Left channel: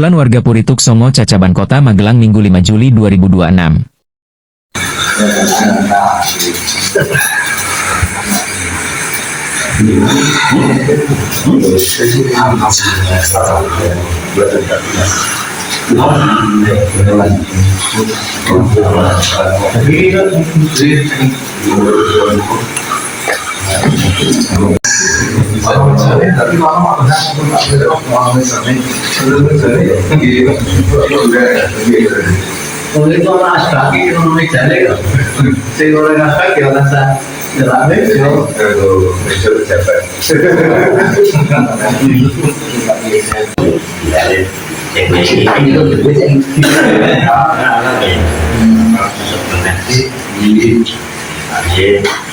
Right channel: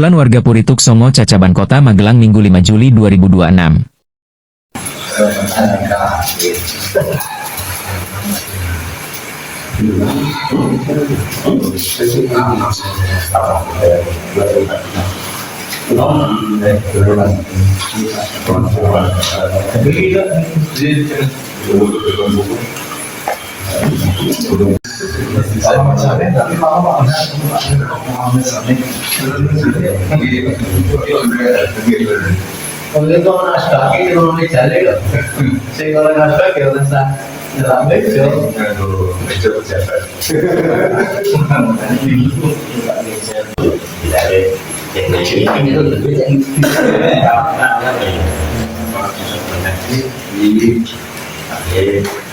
Kumpulan warga Purituk Songo Cacaban Kota Magelang Minggu 5 Juli 2026. Oleh kau nak kaki kalau nak jalan, saya orang nak kaki orang sah, ramai jauh. Mesti berjabat.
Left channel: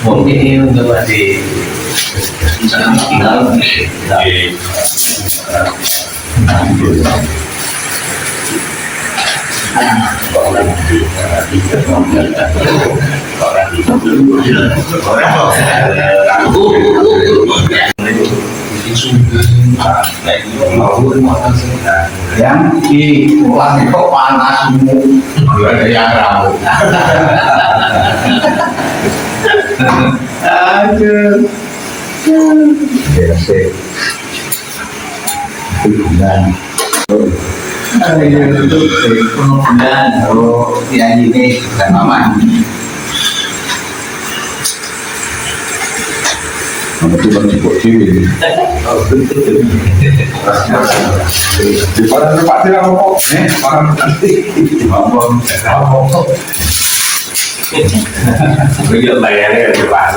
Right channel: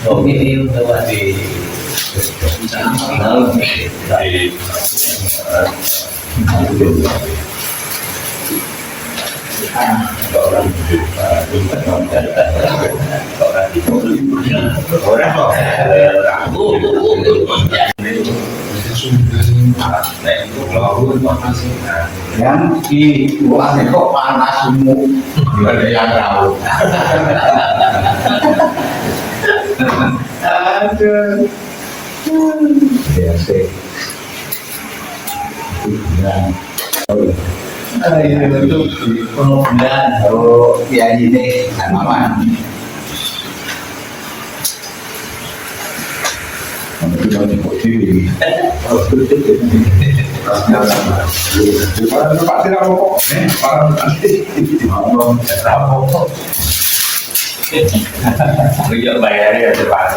Mungkin ini untuk masih yang di uang itu panas semua, ada yang tahu. Aduh, biasa. Bulan. Ada yang itu bulan. Oh, ya ini kan aman. Itu baru cukup ciwi. Di mana tempat tidak mau? Mana nanti? Mau Begitu bayarnya cepat.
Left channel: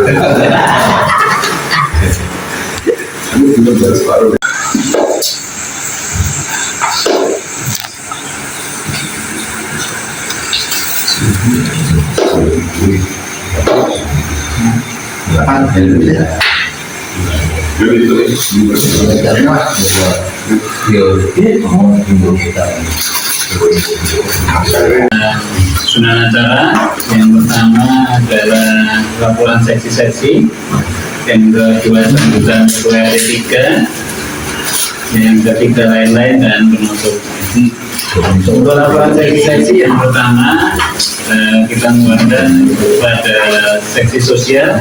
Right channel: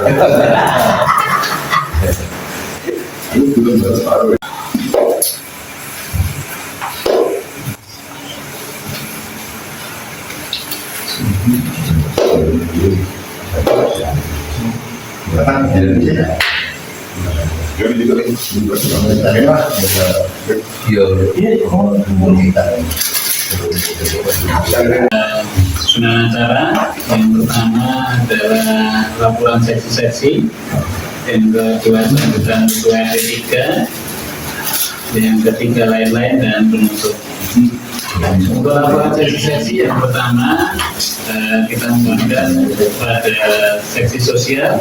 itu belum baru. Susunan acara yang pertama adalah laporan seksi-seksi, yang kedua sambutan ketua R3, yang ketiga lain-lain dan penutup. Untuk laporan seksi-seksi yang pertama kita memberikan kepada seksi sosial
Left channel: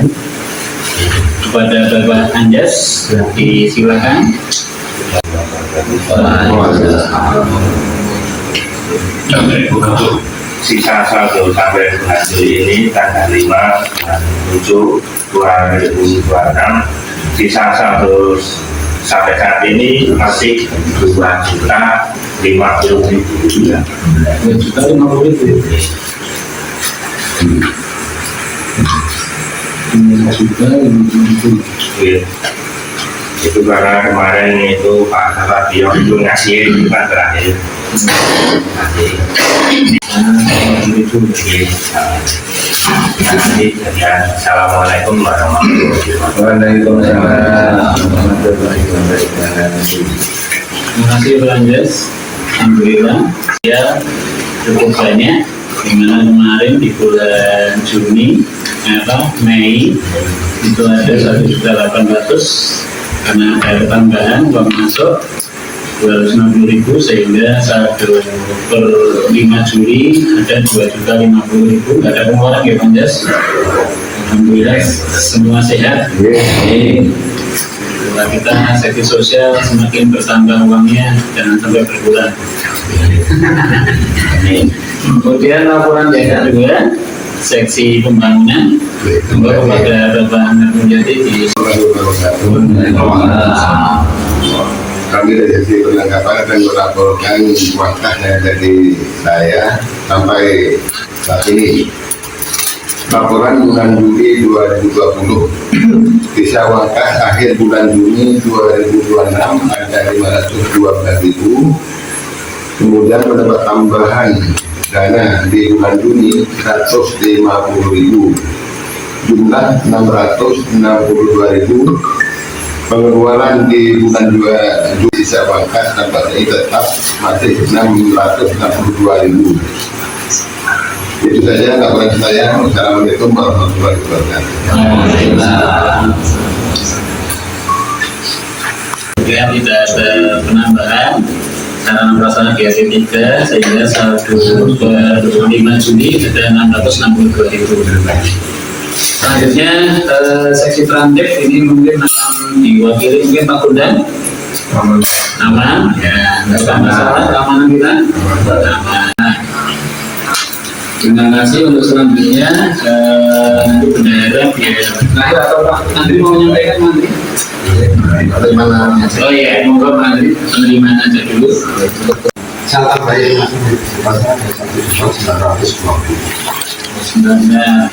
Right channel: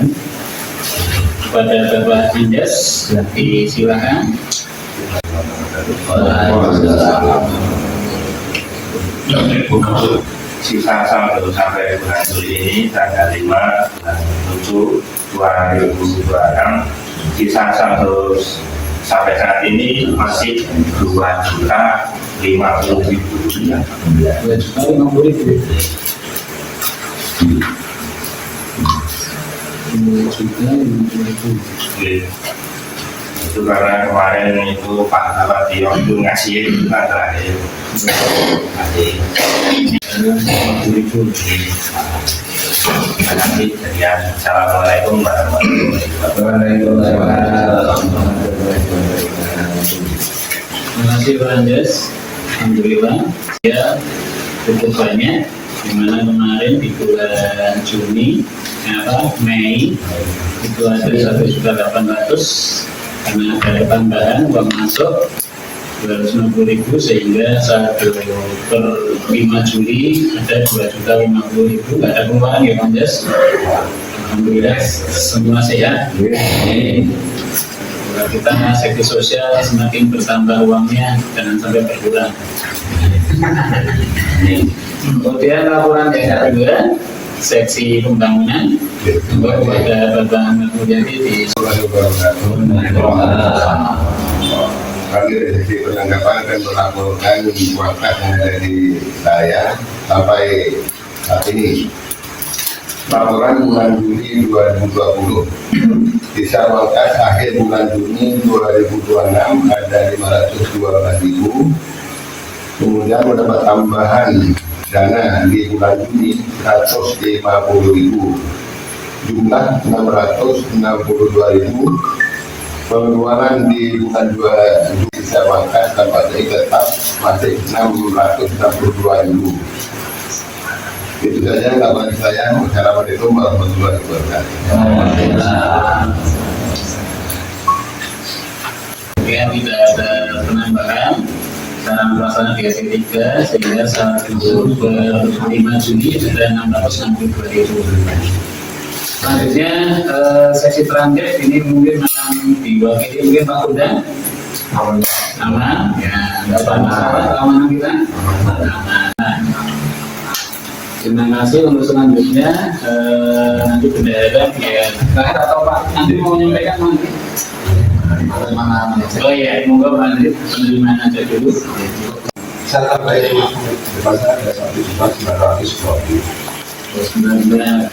kepada Bapak Anjas, disilakan. Untuk sisa saldo sampai bulan Juli ini tanggal 5 bulan 7 2026, sisa saldo sampai saat ini masih 2.050.000 rupiah. 2.050.000. Itu karena kemarin itu Pak Sabio itu ngasih Pak terakhir. Assalamualaikum warahmatullahi wabarakatuh. Terima kasih Pak Anjas. Alhamdulillah ya cukup banyak, dimana kemarin di bulan Juni Mei itu ada 1.800.000 karena ada tambahan uang masuk 250.000 sehingga saldo per 5 Juli ada 2.050.000. Nggak ada pengeluaran ya Pak Anjas. Alhamdulillah semua sehat. Kita seksi sosial semakin bertambah uangnya, jangan sampai berkurang. Kemudian laporan yang kedua, seksi pembangunan kepada Bapak Ahmad Mulyadi di Kami dari sisi penangkapan akan melaporkan wakafnya dari saya sampai saat ini. Laporan bulan Juli 2020, sisa wakaf akhir bulan Juni 2026 ada 512.000. Kemudian mendapat tambahan dana di bulan Juni 150.000, jumlah 662.000. Pengeluaran di bulan Juli sisa wakaf tampaknya tetap masih 662.000. Itu saja laporan saya. Wassalamualaikum warahmatullahi wabarakatuh. Kemudian tidak ada penambahan sarana prasarana di RT 3 sehingga 5 Juni ada 662.000. Selanjutnya seksi transtip ini mungkin akan diwakili mungkin Pak Bondan. Aman, ya, tidak ada masalah keamanan kita. Aman. Terima kasih untuk selanjutnya nanti bendahara biar terakhir atau Pak Andri mau menyampaikan nanti. Oh iya, monggo Pak Andri penerimaan aja dulu. Saya tambahin Sebenarnya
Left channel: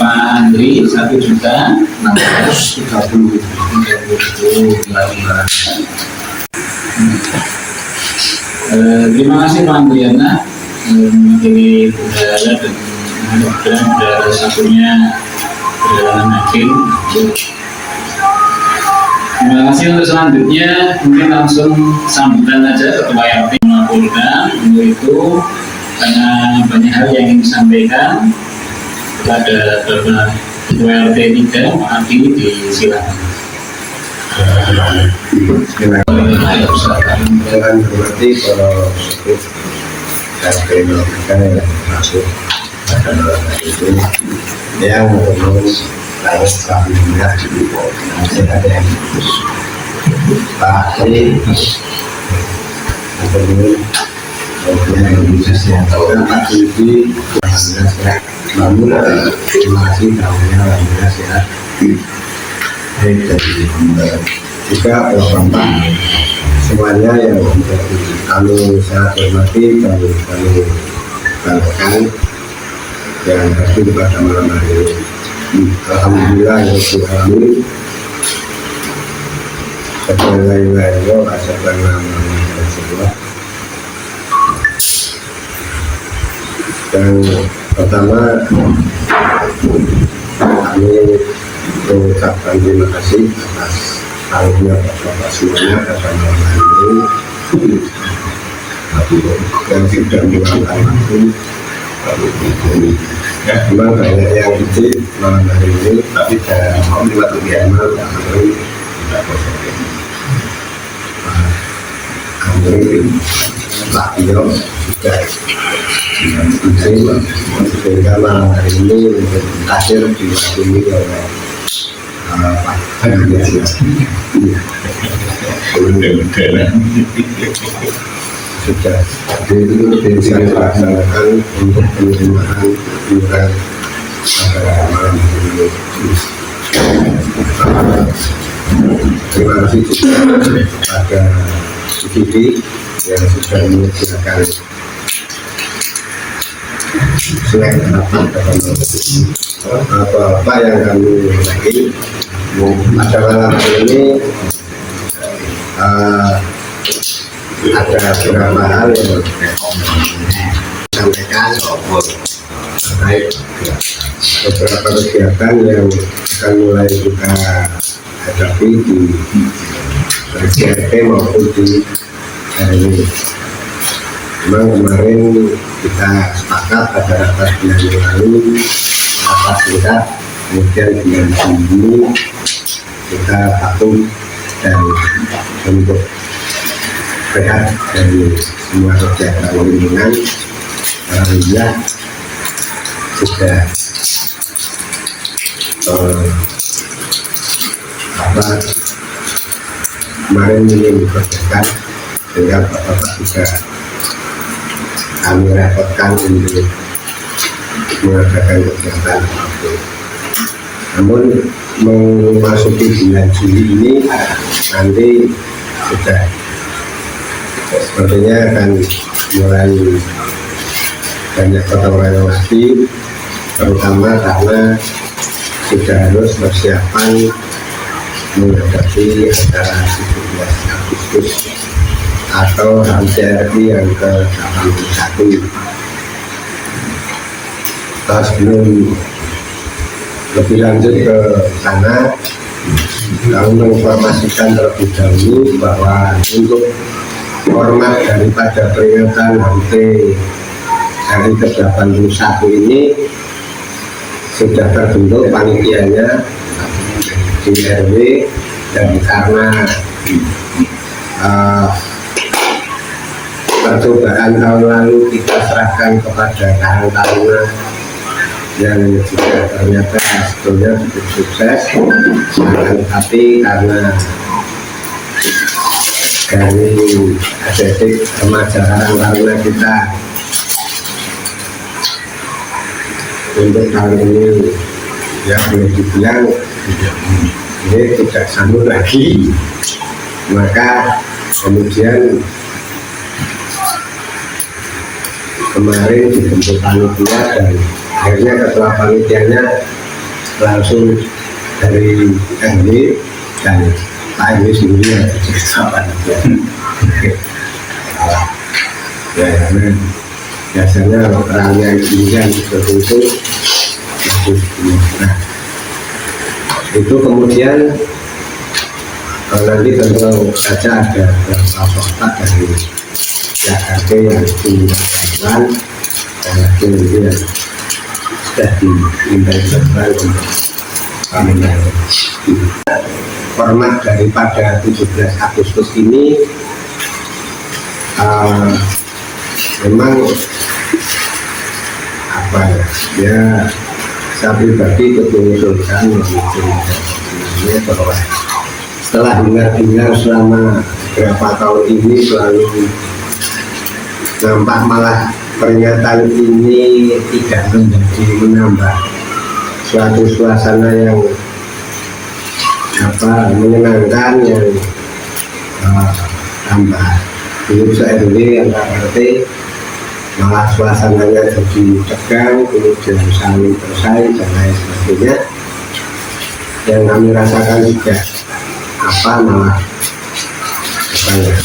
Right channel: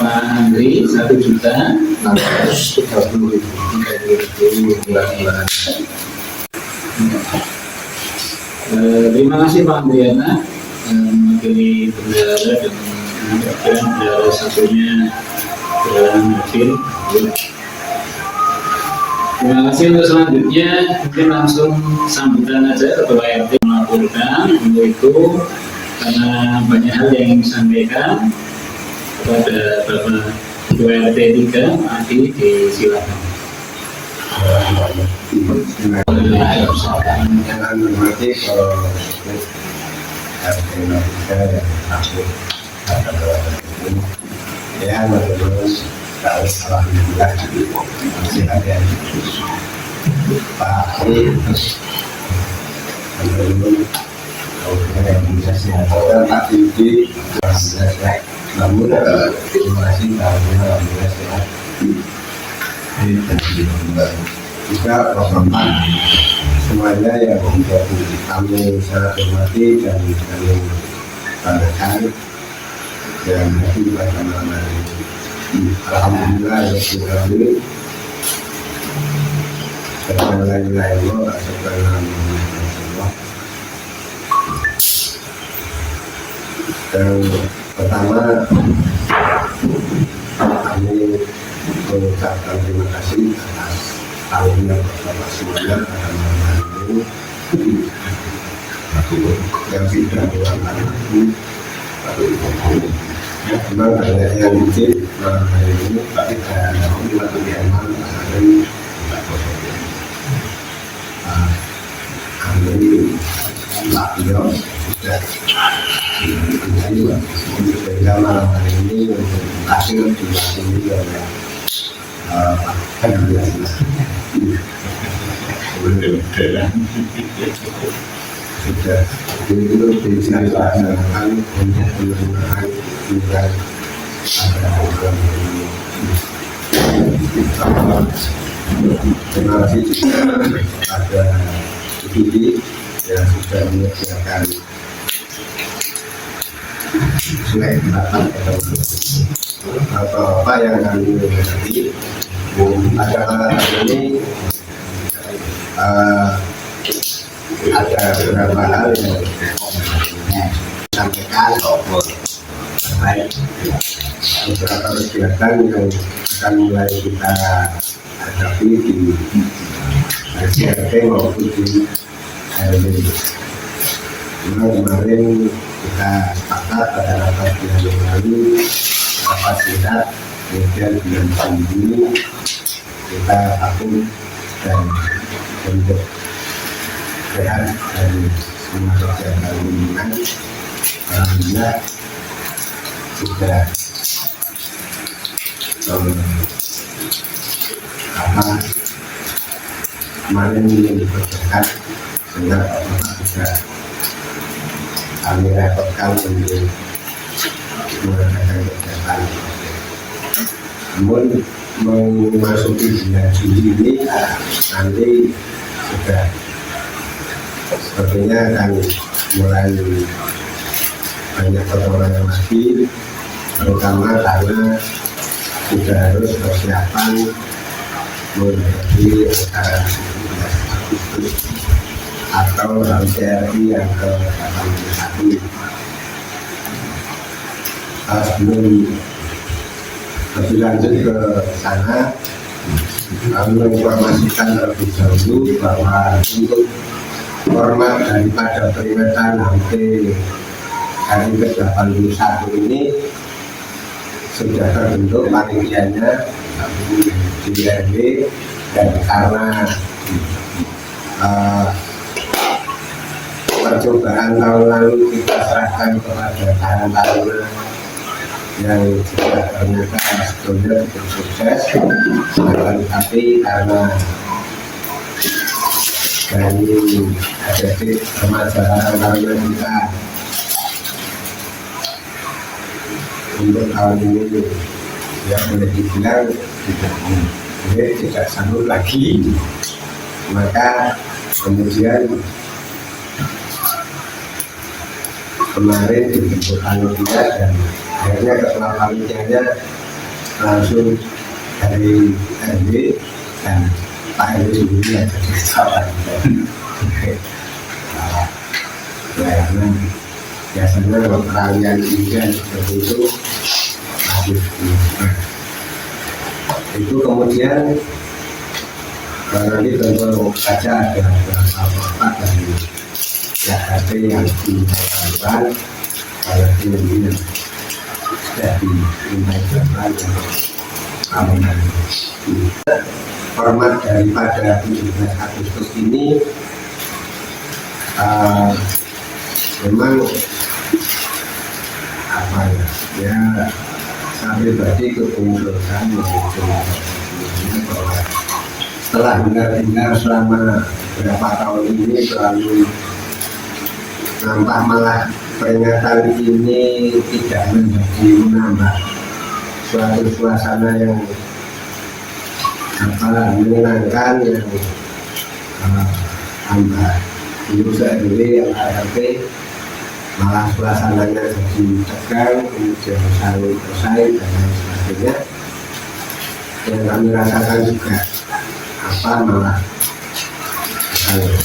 Pak Andri 1.630.000. Terima kasih Pak Andriana mewakili bendahara dan bendahara satunya perjalanan hakim. Terima kasih. Untuk selanjutnya mungkin langsung sambutan aja Ketua RT melaporkan untuk itu karena banyak hal yang ingin disampaikan kepada Bapak Ketua RT 3 Pak Adi, disilakan. Jangan berarti kalau RT 03 yang masuk adalah itu yang betul-betul harus alhamdulillah masih ada yang khusus Pak Adi betul-betul yang bisa diatakan Pak Yudi alhamdulillah sehat. Namun terima kasih tahunnya alhamdulillah sehat. Jika Bapak semuanya yang kami sangat hormati dan kami banggakan yang pasti pada malam hari ini. Alhamdulillah yang kami sebagai lain-lain asalkan nama Rasulullah. Dan pertama kami mengucapkan terima kasih atas tanggungan Bapak semuanya pada malam hari ini yang sudah meluangkan waktu. Memang banyak yang kecil malam hari ini, tapi saya buat kegiatan hari Pak Tio sudah sehingga malam hari ini untuk hasil diwakili oleh Pak Tio. Sudah bisa dilaksanakan untuk penerimaan iuran pada malam hari ini. Terima kasih juga pada IPD yang sudah menyediakan snack rapat pada malam hari ini. Apa yang kami lagi pada malam hari ini ada beberapa hal yang disampaikan terkait beberapa kegiatan yang akan mulai kita hadapi di RT maupun di RW. Memang kemarin kita sepakat pada rapat bulan yang lalu, rapat singkat, kemudian bulan Juni kita vakum dan untuk sehat dari semua kegiatan lingkungan. Alhamdulillah sudah kemarin ini dikerjakan sehingga Bapak juga kami repotkan untuk mengadakan kegiatan apapun. Namun memasuki bulan Juli ini nanti sudah sepertinya akan mulai banyak kota-kota lagi, terutama karena sudah harus persiapan menghadapi acara 17 Agustus atau HMCRI yang ke-81. Sebelum lebih lanjut ke sana, kami menginformasikan terlebih dahulu bahwa untuk format daripada peringatan HUT hari ke-81 ini sudah terbentuk panitianya di RW, dan karena percobaan tahun lalu kita serahkan kepada Karang Taruna yang juga ternyata sebetulnya cukup sukses, tapi karena dari adetik remaja Karang Taruna kita untuk tahun ini ya boleh dibilang ini tidak sambut lagi, maka kemudian kemarin dibentuk panitia dan akhirnya ketua panitianya langsung dari RW dan Pak RW sendiri yang jadi ketua panitia. Ya karena biasanya orang yang kemudian seperti itu masih nah, itu kemudian nanti tentu saja ada beberapa fakta dari Jakarta yang dilakukan dan lagi nanti yang sudah diimplementasikan untuk kemenangan. Format daripada 17 Agustus ini memang apa ya saya pribadi ikut mengusulkan bahwa setelah dengar selama beberapa tahun ini selalu nampak malah peringatan ini tidak menjadi menambah suatu suasana yang menyenangkan, yang tambah dulu RW antar RT malah suasananya jadi tegang, kemudian saling bersaing dan lain sebagainya. Yang kami rasakan juga malah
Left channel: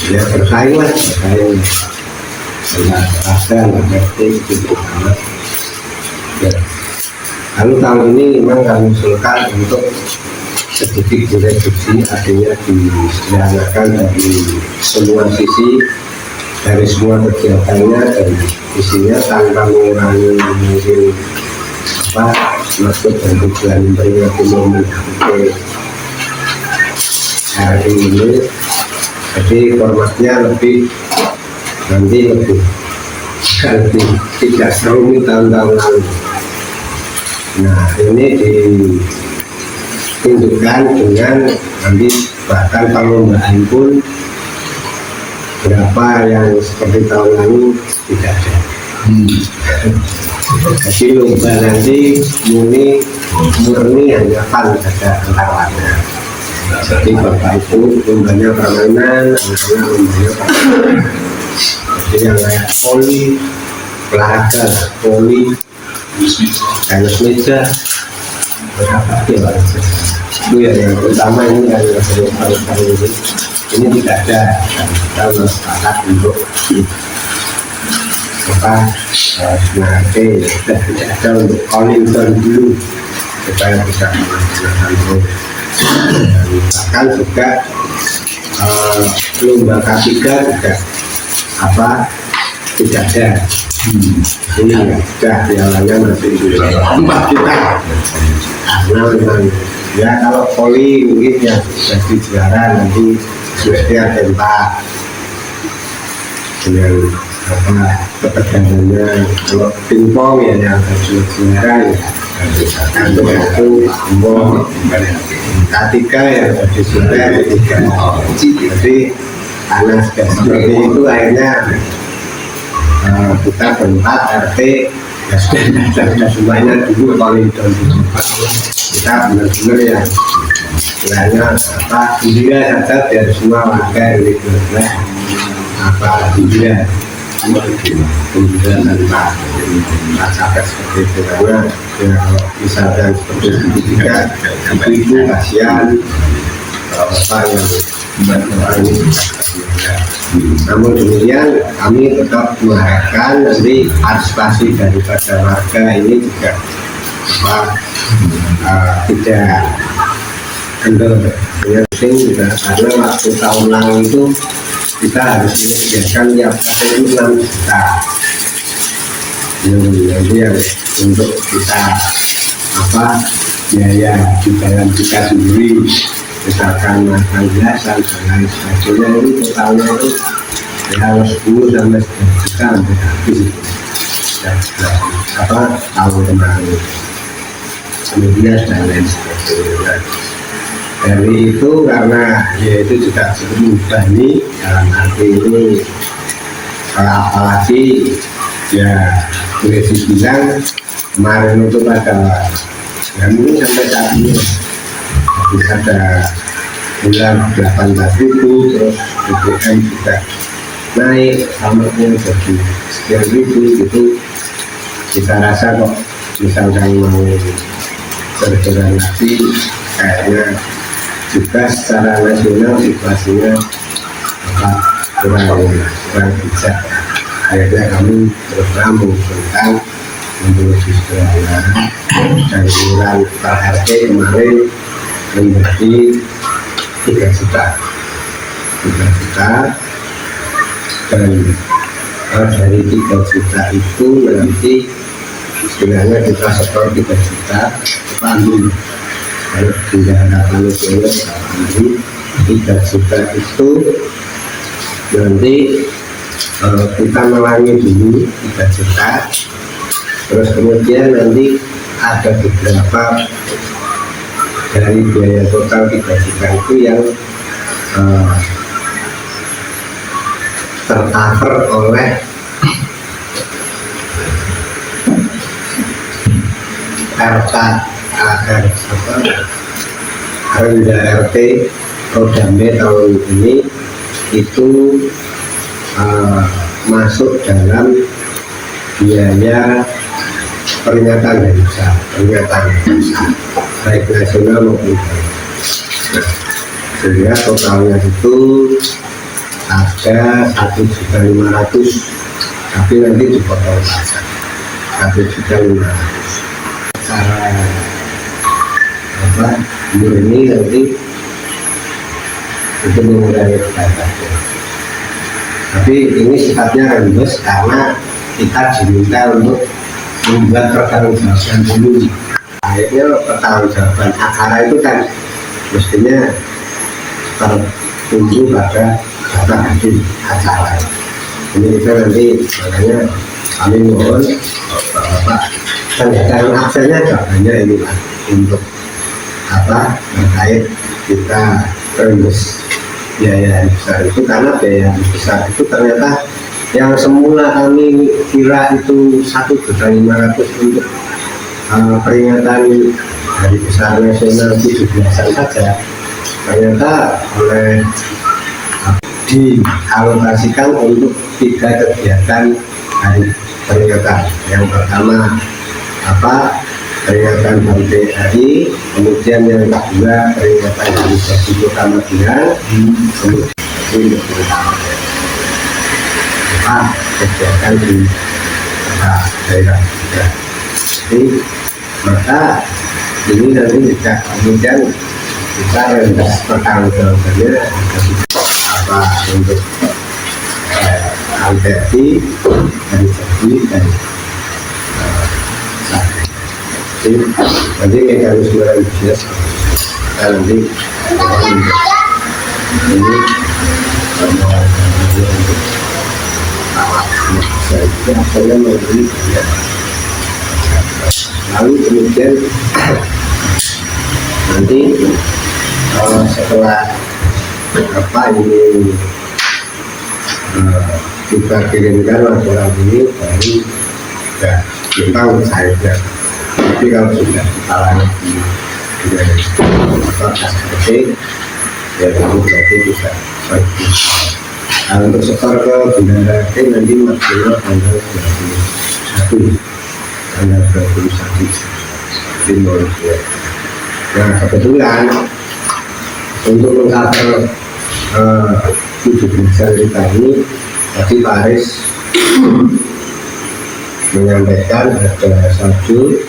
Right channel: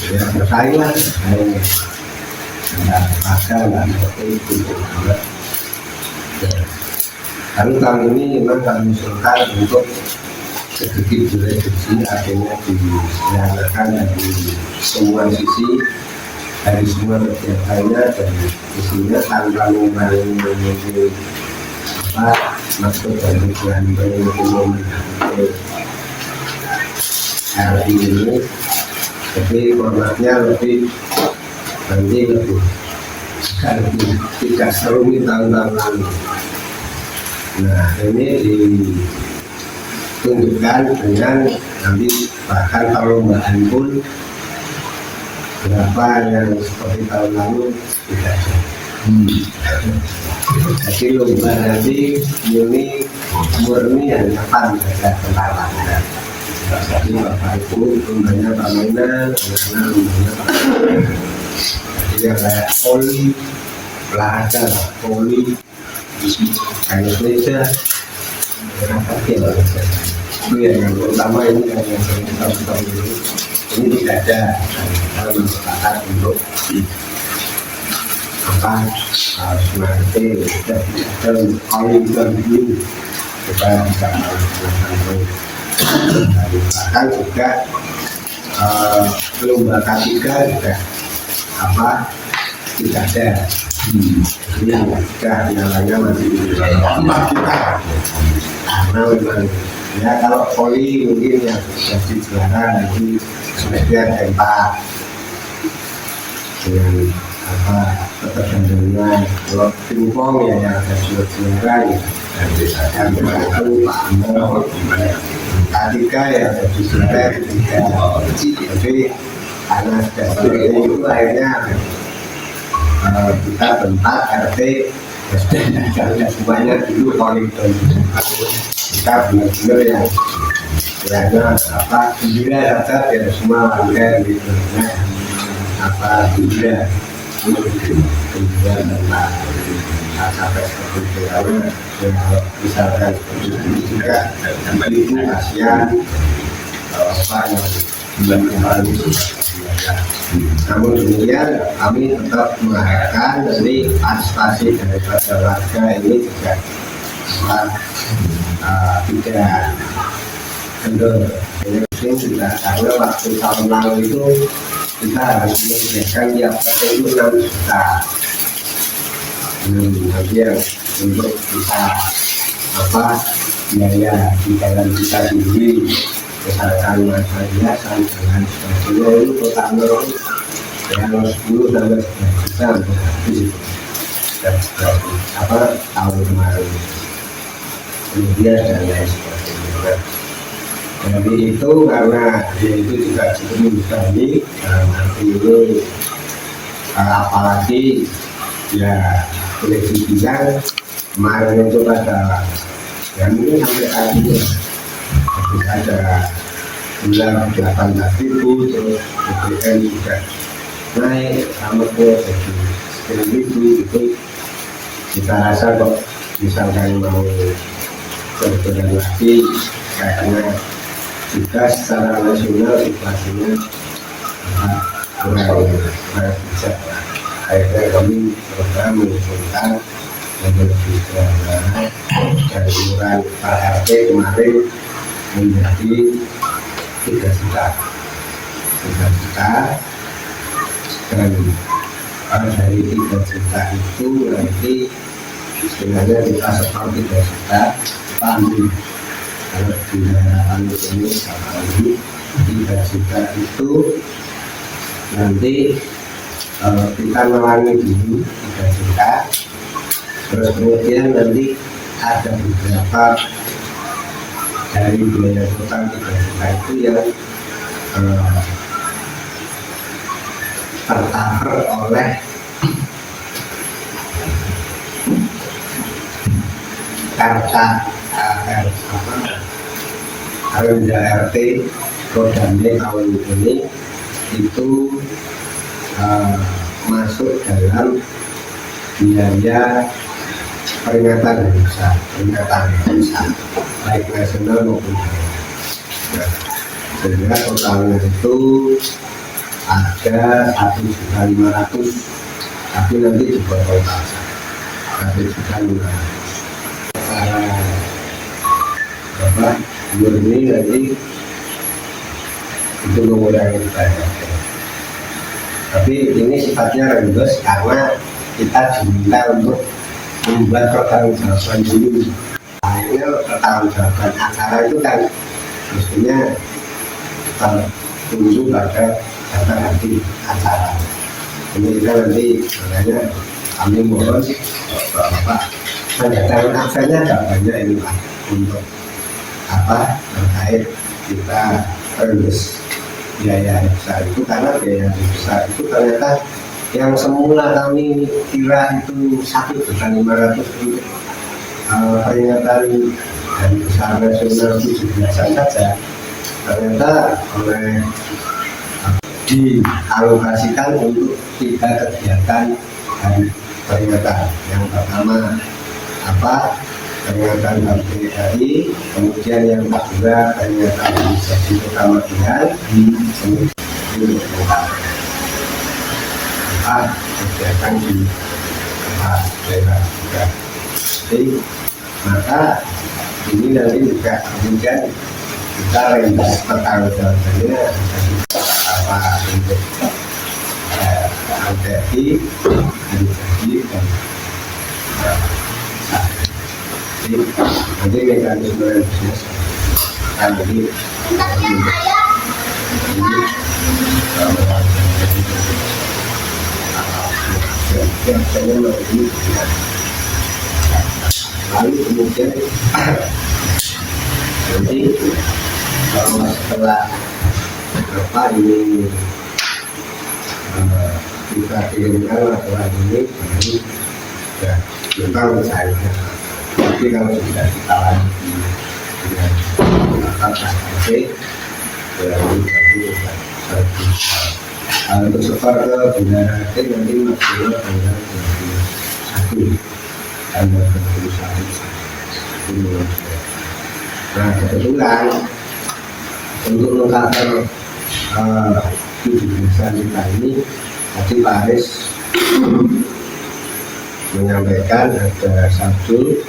ya bersaing antara RT gitu. Lalu tahun ini memang kami usulkan untuk sedikit direduksi, artinya disederhanakan dari semua sisi, dari semua kegiatannya dan isinya tanpa mengurangi mungkin maksud dan tujuan memperingati momen hari ini. Jadi formatnya lebih tidak serumit tahun-tahun lalu. Nah ini ditunjukkan dengan nanti bahkan perlombaan pun berapa yang seperti tahun lalu tidak ada. Jadi lomba nanti murni hanya fun saja antar warga. Jadi bapak ibu lombanya permainan, anak-anak lombanya permainan. Jadi yang kayak poli, olahraga, poli, tenis meja, berapa ya itu ya yang utama ini kan yang sering ini tidak ada dan kita mensepakat untuk sebenarnya sudah tidak ada untuk calling down dulu supaya bisa melaksanakan terus. Dan bahkan juga lomba K3 juga tidak ada. Ini sudah pialanya masih di tempat kita karena memang ya kalau poli mungkin yang jadi juara nanti Swedia tempat dengan ketegangannya. Kalau pingpong ya yang ada juara ya satu Pak Ambo, K3 yang ada juara ketiga. Jadi karena sudah seperti itu akhirnya kita berempat RT ya sudah semuanya dulu calling down kita benar-benar ya sebenarnya gembira saja biar semua warga RW 12 gembira tanpa capek seperti itu karena ya, misalkan seperti itu juga ibu kasihan yang orang ini namun demikian kami tetap mengharapkan nanti partisipasi daripada warga ini juga tidak kendor dengan penting juga karena waktu tahun lalu itu kita harus menyediakan tiap hari itu 6 juta nanti yang untuk kita biaya di dalam kita sendiri misalkan makan hiasan dan lain sebagainya itu totalnya itu ya 10 sampai 11 juta hampir habis itu. Dan tahun kemarin kemudian dan lain sebagainya. Dari itu karena ya itu juga cukup membebani dalam arti ini, apalagi ya boleh dibilang kemarin itu pada ya mungkin sampai saat ini bisa ada bulan 18.000, terus BBM juga naik alamatnya jadi sekian ribu gitu. Kita rasa kok misalkan mau berjalan lagi kayaknya juga secara nasional situasinya kurang bijak. Akhirnya kami terus mengusulkan metodologi sederhana dan iuran per RT kemarin menjadi 3 juta dan dari 3 juta itu nanti istilahnya kita setor 3 juta kita ambil, kalau tidak ada panitia kita ambil 3 juta itu nanti kita melangi dulu 3 juta, terus kemudian nanti ada beberapa dari biaya total 3 juta itu yang tercover oleh Rendah RT Rodambe tahun ini itu masuk dalam biaya peringatan desa, baik nasional maupun daerah. Nah, sehingga totalnya itu ada 1.500.000, tapi nanti dipotong pajak 1.500.000. Cara murni nanti itu mengurangi pajak. Tapi ini sifatnya rembes karena kita diminta untuk membuat pertanggungjawaban dulu. Akhirnya pertanggungjawaban acara itu kan mestinya tertumbuh pada data hadir acara. Ini kita nanti makanya kami mohon Bapak tanda aksennya jawabannya ini lah untuk terkait kita rembes biaya besar itu, karena biaya besar itu ternyata yang semula kami kira itu 1.500.000 untuk peringatan hari besar nasional 17-an saja, ternyata oleh dialokasikan untuk 3 kegiatan hari peringatan. Yang pertama peringatan HUT, kemudian yang kedua peringatan hari jadi kota Median, kemudian kegiatan di daerah juga. Jadi maka ini nanti juga kemudian kita rendah pertanggungjawabannya untuk LTI, hari jadi dan jadi nanti mekanisme bisnis kita nanti ini untuk alat akhirnya membeli ya. Lalu kemudian nanti setelah ini kita kirimkan laporan ini baru ya kita usahanya. Tapi kalau sudah ditalami dengan KSP ya itu berarti bisa pergi. Untuk setor ke Bendara RT nanti maksimal tanggal 21 di Malaysia. Nah kebetulan untuk mengcover 17 kita ini tadi Pak Aris menyampaikan ada saldo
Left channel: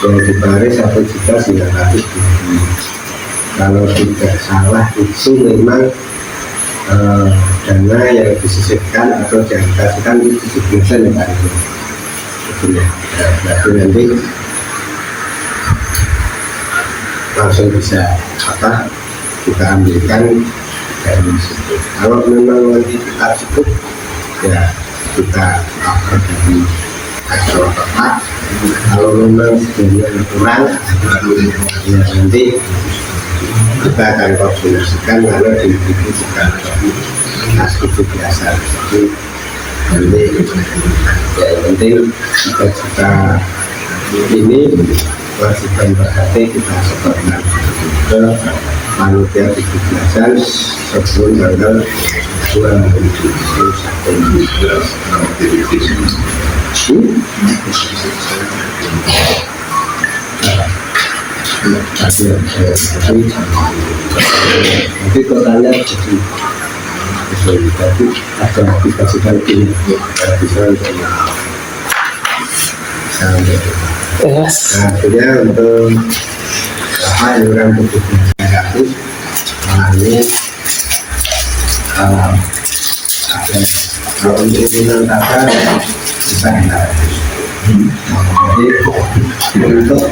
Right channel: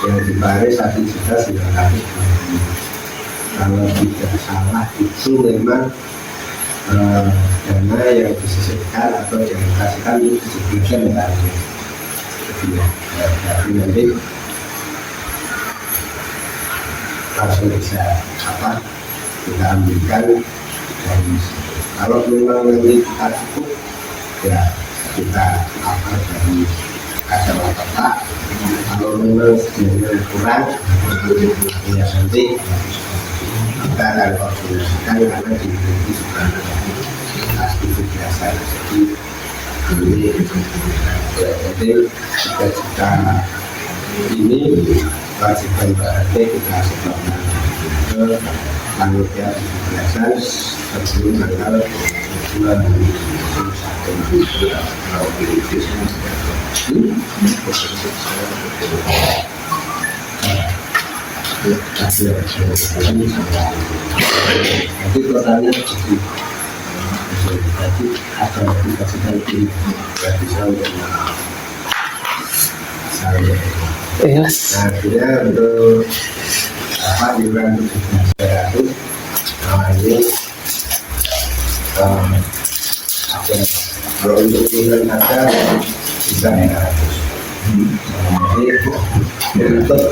yang di Paris 1.900.000. Kalau tidak salah itu memang dana yang disisihkan atau dialokasikan itu 17% ya, berarti nanti langsung bisa kita ambilkan dari situ. Kalau memang nanti kita cukup ya kita cover dari acara Bapak. Kalau memang sebenarnya kurang, ya nanti kita akan koordinasikan karena di itu bukan aktivitas biasa. Jadi nanti ya yang penting kita ini kewajiban berarti kita setorkan ke panitia 17-an sebelum tanggal 21. Nanti totalnya jadi ada aplikasi tadi bisa nah, akhirnya untuk apa iuran 17.500 ini ada kalau untuk minat data bisa enak. Jadi untuk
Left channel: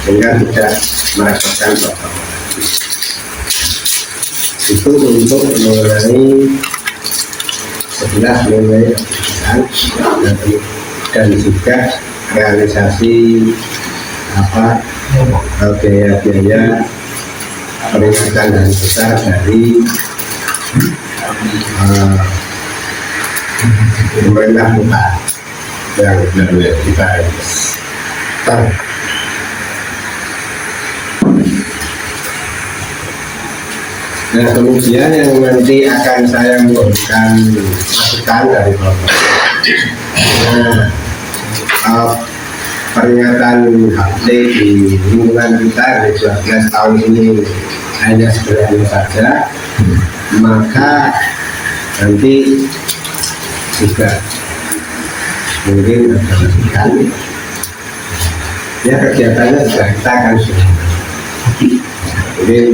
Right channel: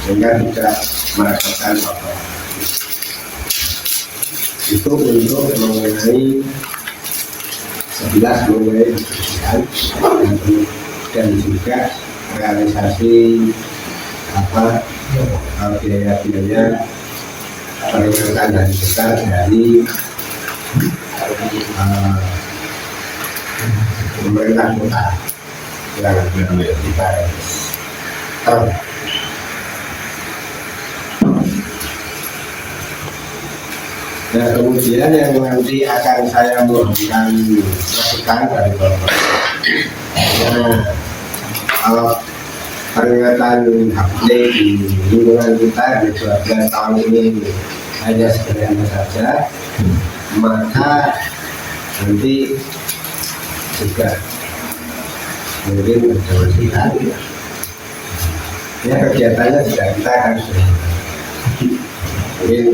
sehingga tidak merepotkan dokter. Itu untuk mengenai 11 mengenai keputusan dan juga realisasi apa biaya peringatan hari besar dari pemerintah kota yang kita nah kemudian yang nanti akan saya memberikan masukan dari Bapak. Nah, peringatan HUT di lingkungan kita di 12 tahun ini hanya sebenarnya saja, maka nanti juga mungkin ada masukan. Ya kegiatannya juga kita akan mungkin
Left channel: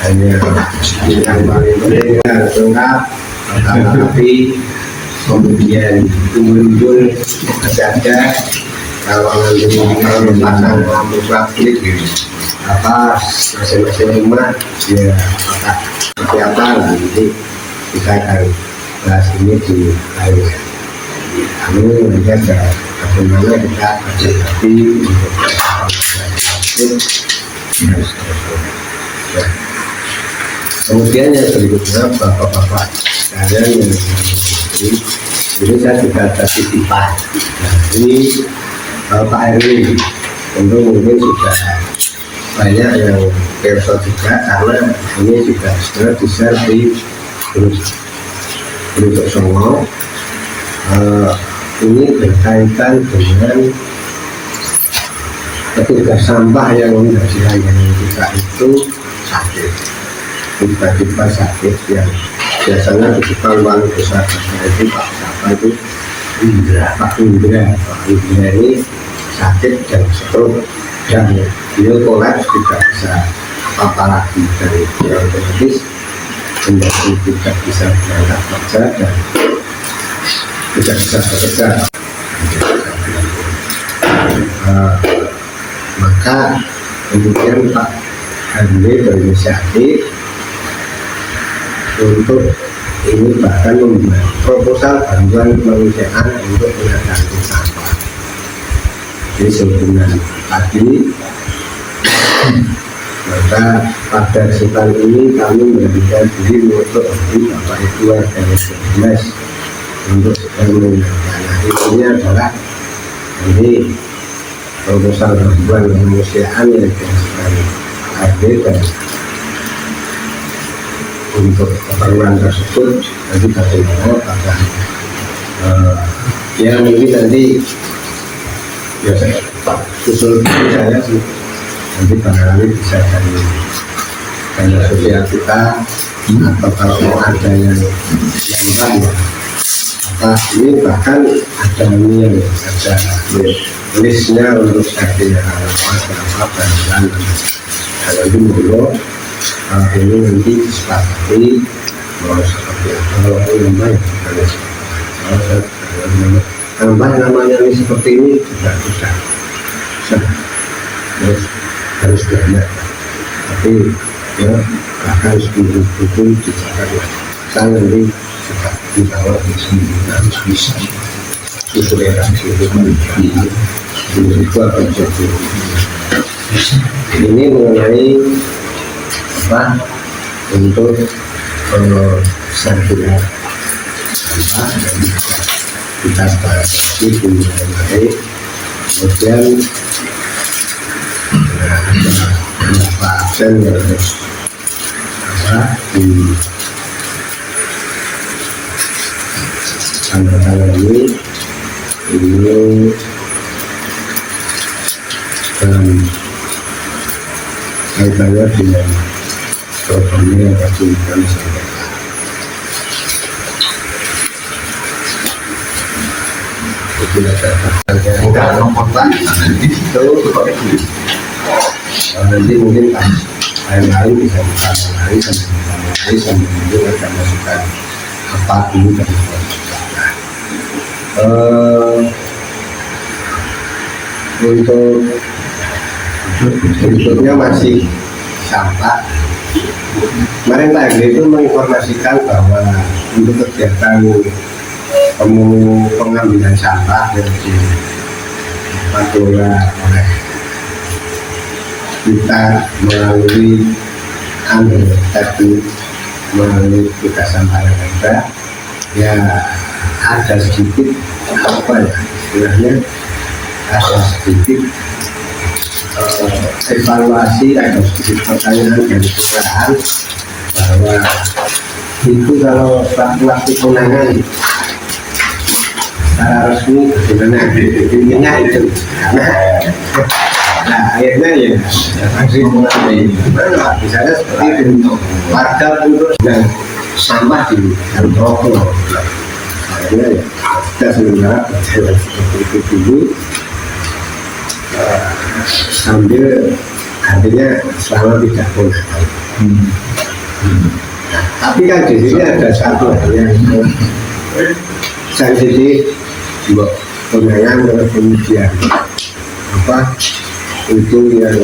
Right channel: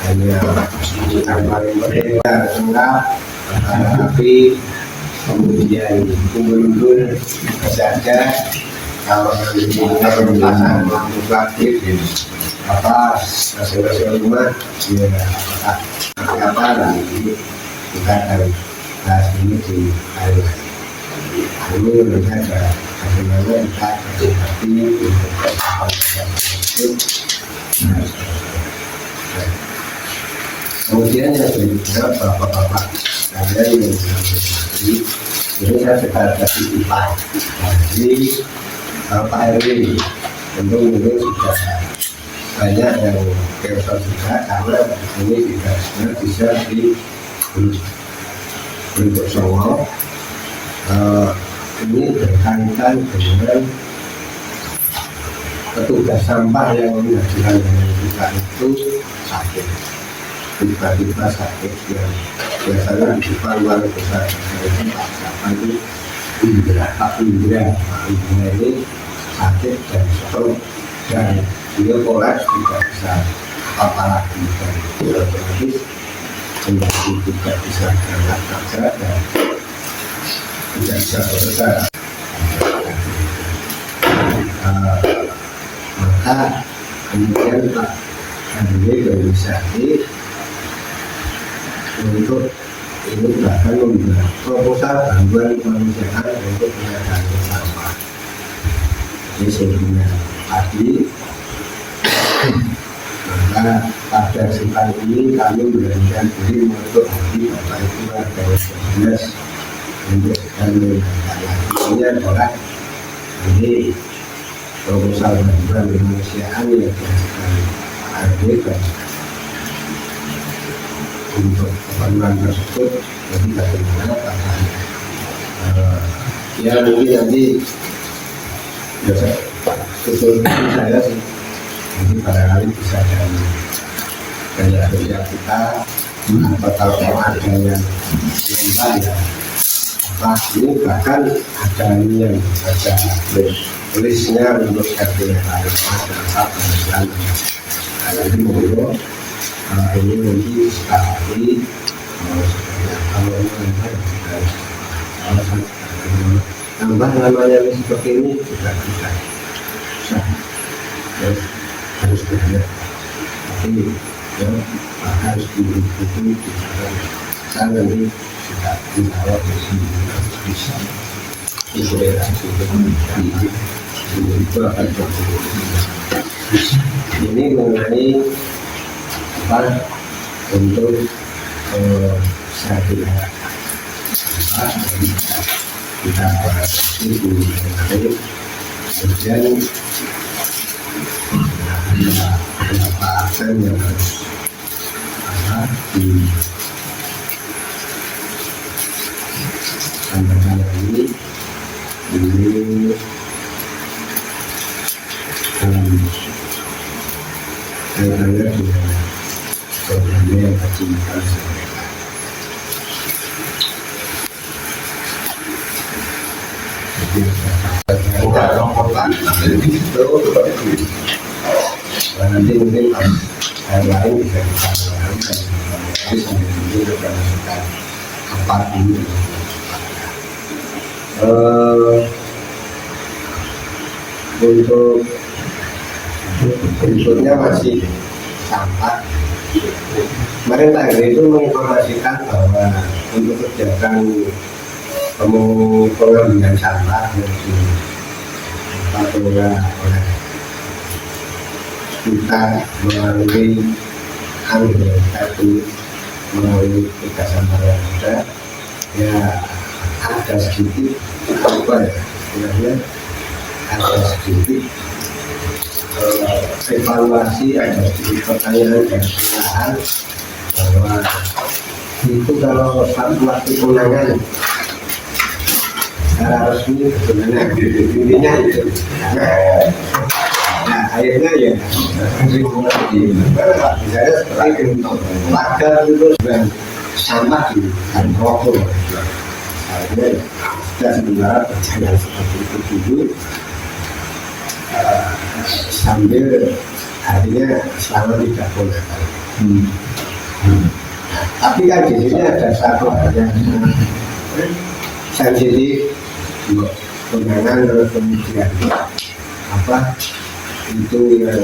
hanya yang paling penting harus lengkap, tapi kemudian umbul-umbul saja. Kalau nanti pasang lampu plastik apa masing-masing rumah ya apakah seperti apa nanti kita akan bahas ini di akhir. Lalu nanti ada bagaimana kita berhati untuk plastik. Kemudian yang berikutnya bapak-bapak sekalian yang ini saya sudah ada titipan. Nah, ini Pak Erwin tentu mungkin sudah banyak yang kerso juga karena ini juga sudah di-share di grup Songo. Ini berkaitan dengan petugas sampah yang menjadi layanan kita itu sakit, tiba-tiba sakit yang biasanya di depan wali besar itu Pak siapa itu Pak Indra ini sakit dan stroke dan beliau kolaps tidak bisa apa lagi dari diabetes menjadi tidak bisa berangkat kerja dan tidak bisa bekerja. Maka kemudian Pak Andre berinisiatif untuk ini bahkan membuat proposal bantuan kemanusiaan untuk menangani sampah. Jadi sebelumnya tadi, maka pada kesempatan ini kami memberikan diri untuk Bapak Ibu warga Mes untuk sedang menangani. Intinya adalah ini proposal bantuan kemanusiaan yang dihasilkan hadir dan untuk keperluan tersebut nanti bagaimana apakah ya mungkin nanti ya saya usul saya sih nanti barangkali bisa dari media sosial kita atau kalau mau ada yang nambah ya apa ini bahkan ada ini yang ada listnya untuk setiap kalau ada apa bantuan kalau itu mulu ini nanti disepakati mau seperti apa kalau ini namanya tambah namanya ini seperti ini juga susah harus banyak tapi ya bahkan 10.000 pun dicatat Saya nanti suka dibawa di sini harus bisa toleransi itu akan jadi ini mengenai apa untuk sarjana dan kita bahas itu mengenai kemudian ada beberapa absen yang di tanda-tanda ini kaitannya dengan programnya yang tadi kami sampaikan. Jadi ada itu nanti mungkin lain-lain bisa kita mulai sambil mungkin akan masukkan apa dulu dan untuk berikutnya masih sampah. Kemarin Pak Henry itu menginformasikan bahwa untuk kegiatan pengambilan sampah yang dipatuhi oleh kita melalui teknik melalui tugas sampah yang ada, ya ada sedikit apa ya istilahnya, ada sedikit evaluasi, ada sedikit pertanyaan dari kelurahan bahwa itu kalau waktu penanganan secara resmi bagaimana intinya itu. Nah akhirnya ya masih mengalami misalnya seperti itu warga untuk dan sampah di rokok. Akhirnya ya kita sementara berjalan seperti itu dulu sambil artinya selama tidak boleh. Tapi kan di sini ada satu hal yang sensitif, penanganan terus kemudian apa itu yang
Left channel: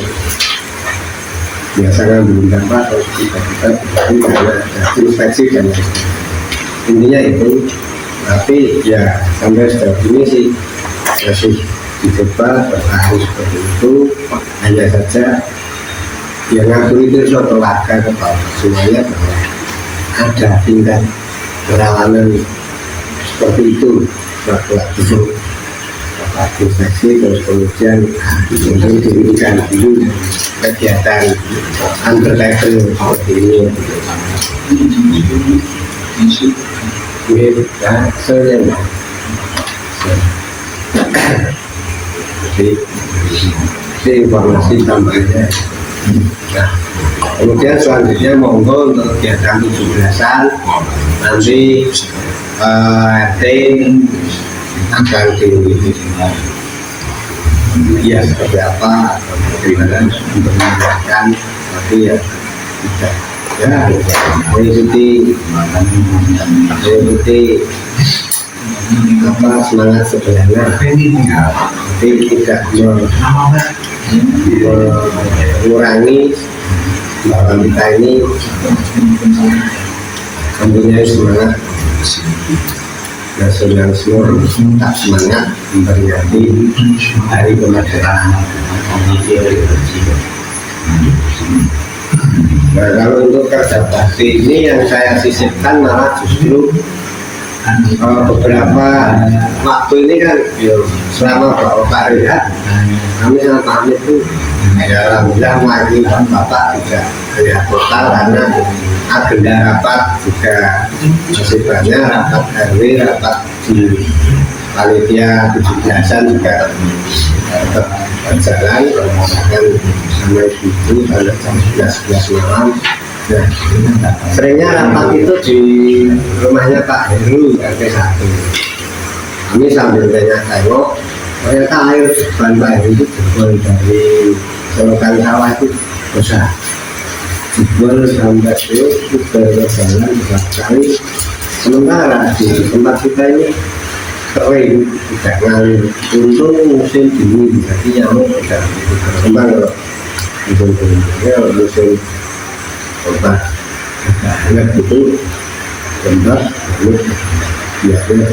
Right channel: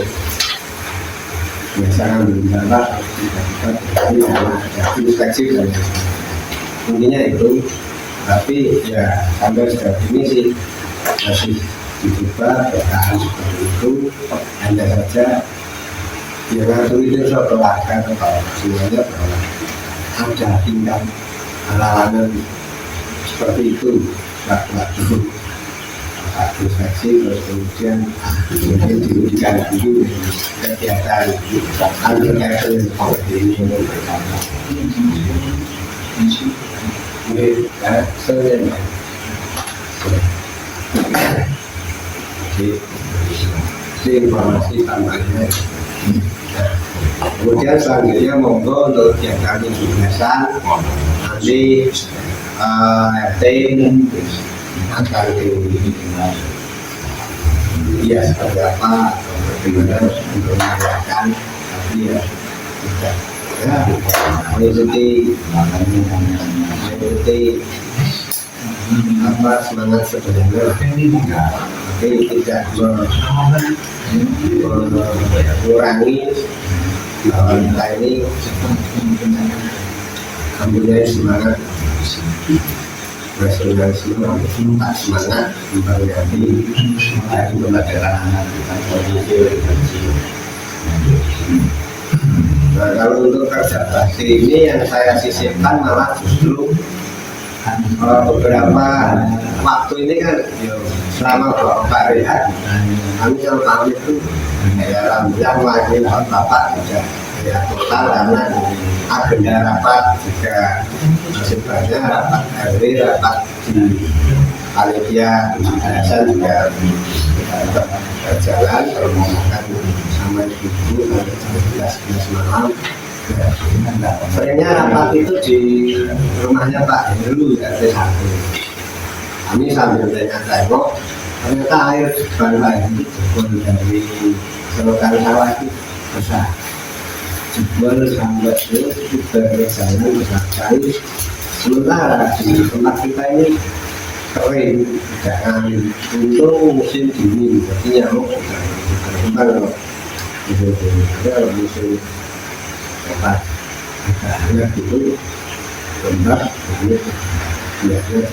biasa ngambil gambar atau kita berarti karena ada inspeksi dan intinya itu. Tapi ya sampai sejauh ini sih masih dicoba bertahan seperti itu, hanya saja yang ngatur itu suatu warga ke bawah semuanya bahwa ada tingkat kerawanan seperti itu waktu-waktu inspeksi terus kemudian mungkin diberikan dulu kegiatan undertaker seperti ini. Jadi informasi tambahannya. Nah, kemudian selanjutnya monggo untuk kegiatan 17-an nanti RT akan ya seperti apa bagaimana untuk menjelaskan, tapi ya tidak ya mengikuti apa semangat sebenarnya, tapi tidak mengurangi bahwa kita ini mempunyai semangat nasionalisme, tak semangat memperingati hari kemerdekaan. Nah, kalau untuk kerja bakti ini yang saya sisipkan malah justru beberapa waktu ini kan selama Pak Rehat kami sama Pak Amit itu alhamdulillah maju Bapak juga Rehat total karena agenda rapat juga masih banyak, rapat RW, rapat di panitia 17-an juga tetap berjalan, permohonan sama ibu sampai jam 11 malam. Nah, seringnya rapat itu di rumahnya Pak Heru RT 1. Kami sambil tengok ternyata air depan Pak Heru itu jebol dari selokan sawah itu besar, jebol sampai itu berjalan besar sekali. Sementara di tempat kita ini kering, tidak ngalir. Untung musim dingin, jadi nyamuk tidak berkembang. Kalau musim dingin, musim obat hangat itu lembab lalu biarnya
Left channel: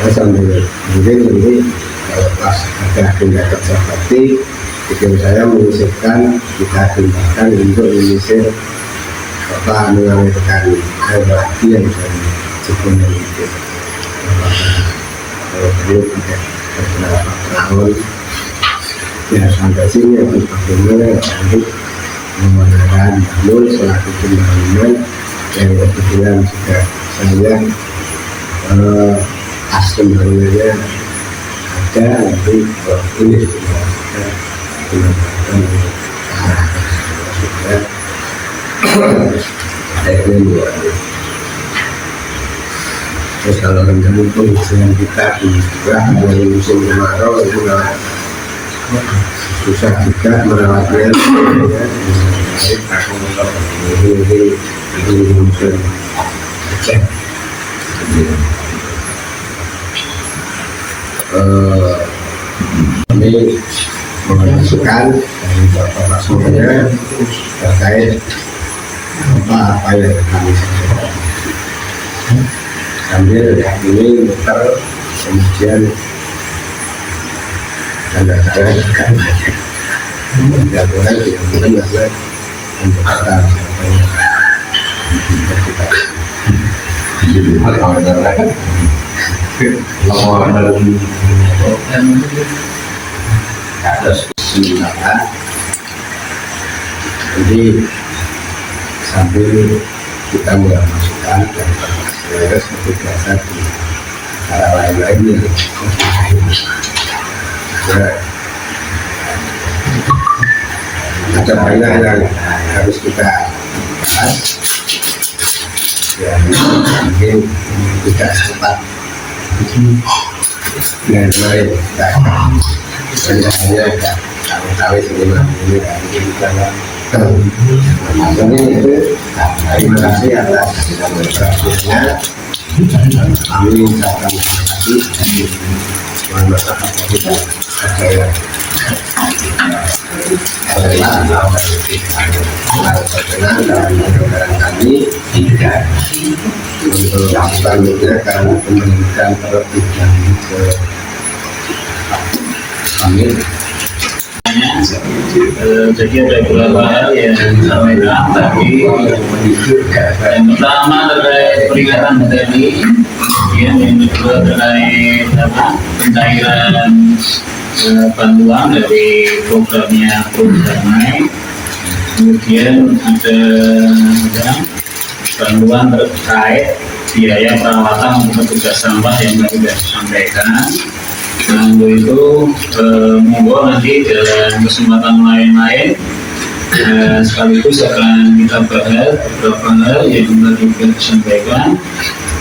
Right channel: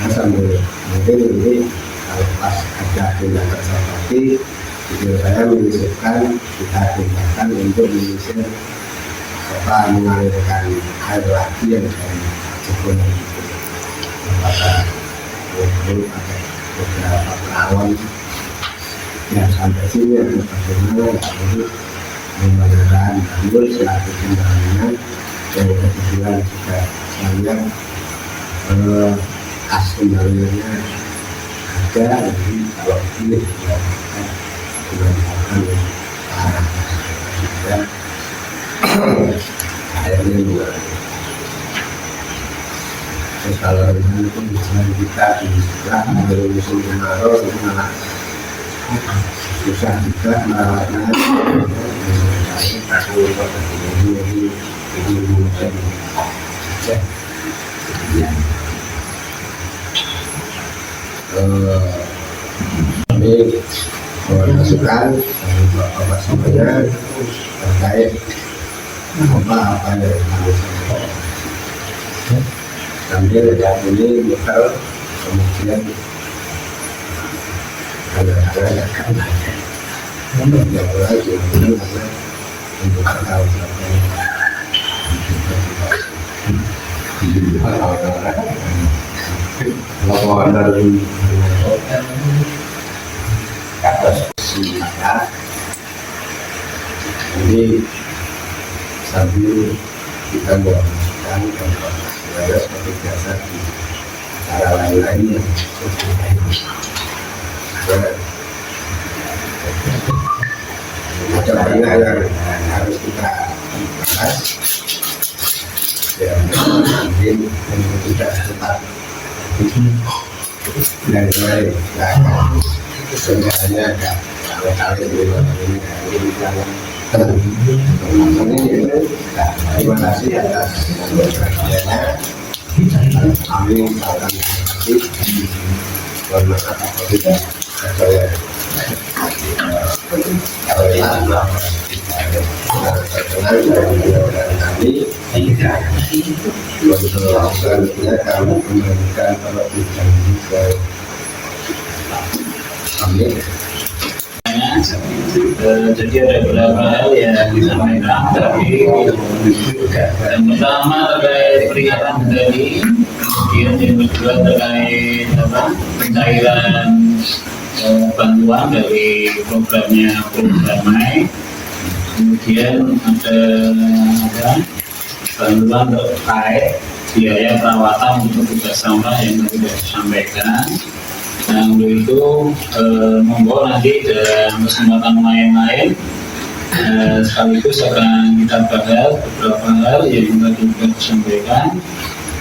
saya sambil mungkin ini kalau pas ada agenda kerja bakti pikir saya menyisipkan kita tindakan untuk menyisir mengalirkan air lagi yang dari Cikoneng itu apakah perlu pakai beberapa tahun ya sampai sini atau bagaimana untuk menggunakan Banul selaku pembangunan yang kebetulan juga saya as pembangunannya ada nanti kalau ini kita gunakan arah supaya airnya luar. Terus kalau rencana pengisian kita di mulai musim kemarau itu malah susah juga merawatnya. Baik aku untuk musim cek. Ini masukan dari Bapak semuanya terkait apa yang kami sampaikan. Sambil dari ini muter kemudian tanda tangan akan banyak. Tidak boleh tidak ada untuk kata siapa atas sementara nanti sambil kita mulai masukkan dan proses seperti biasa di cara lain-lainnya. Ada banyak yang harus kita bahas dan mungkin tidak sempat dan lain kita banyak hanya tahu-tahu ini mungkin ini itu terima kasih atas perhatiannya. Kami ucapkan terima kasih. Mohon maaf apabila ada yang berkenan dalam penyampaian kami. Untuk selanjutnya kami memberikan perhatian ke kami. Jadi ada beberapa hal yang disampaikan tadi. Yang pertama terkait peringatan medali, kemudian yang kedua terkait pencairan bantuan dari programnya Damai, kemudian ada bantuan terkait biaya perawatan untuk petugas sampah yang tadi sudah disampaikan. Nah, untuk itu monggo nanti dalam kesempatan lain-lain sekaligus akan kita bahas beberapa hal yang tadi sudah disampaikan.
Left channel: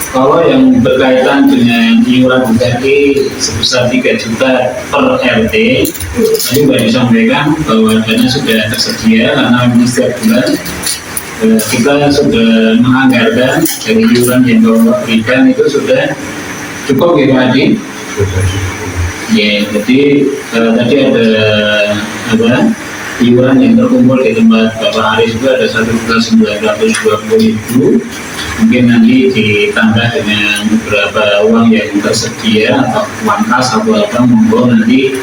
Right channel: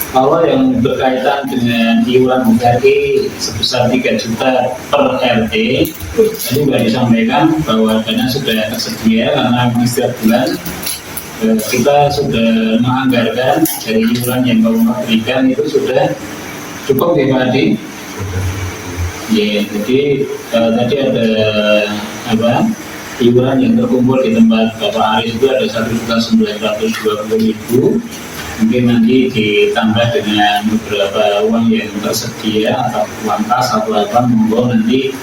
Kalau yang berkaitan dengan iuran BKI sebesar 3 juta per RT, tadi sudah disampaikan bahwa dana sudah tersedia karena memang setiap bulan kita sudah menganggarkan dari iuran yang Bapak berikan itu sudah cukup ya Pak Adi? Ya, jadi tadi ada iuran yang terkumpul di tempat Bapak Aris itu ada 1.920.000. Mungkin nanti ditambah dengan beberapa uang yang tersedia atau uang kas atau apa, monggo nanti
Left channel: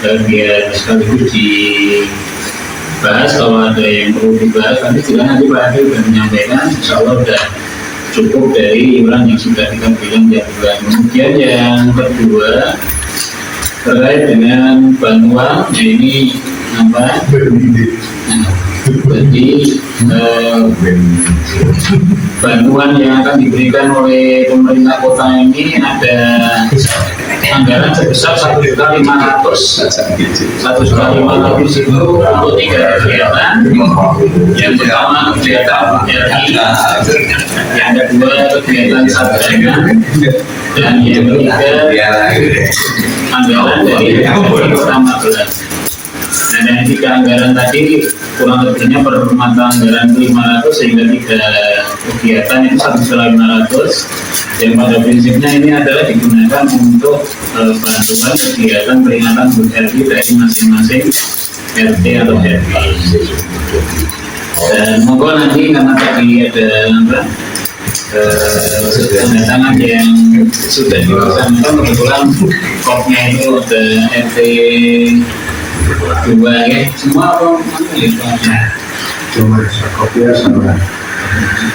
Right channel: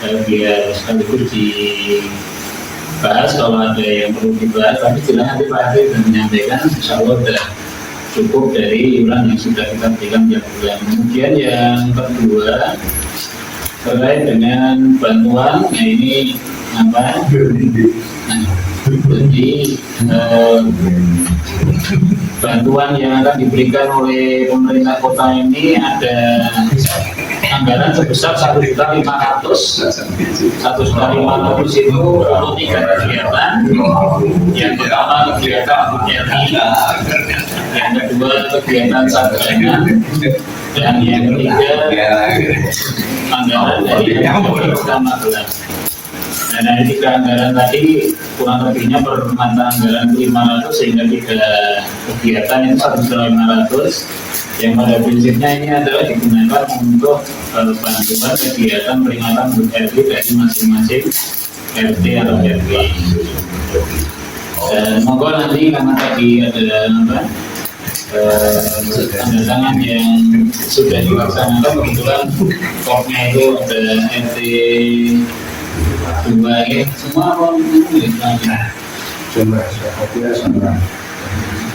biar sekaligus dibahas. Kalau ada yang perlu dibahas nanti silakan nanti Pak Aris sudah menyampaikan, insya Allah sudah cukup dari iuran yang sudah kita berikan tiap bulan. Kemudian yang kedua terkait dengan bantuan, ini apa? Jadi bantuan yang akan diberikan oleh pemerintah kota ini ada anggaran sebesar 1.500.000. 1.500.000 itu untuk 3 kegiatan. Yang pertama kegiatan RI, yang kedua kegiatan sarjana, dan yang ketiga anggaran dari pertama belas. Nah, dari 3 anggaran tadi kurang lebihnya per mata anggaran 500 sehingga 3 kegiatan itu 1.500. Yang pada prinsipnya ini adalah digunakan untuk bantuan kegiatan peringatan HUT RI dari masing-masing RT atau RW. Dan monggo nanti karena tadi ada apa? Tanda tangan yang sudah dilaksanakan, kebetulan kopnya itu ada RT 2 ya, semua apa mana cuma kopinya sama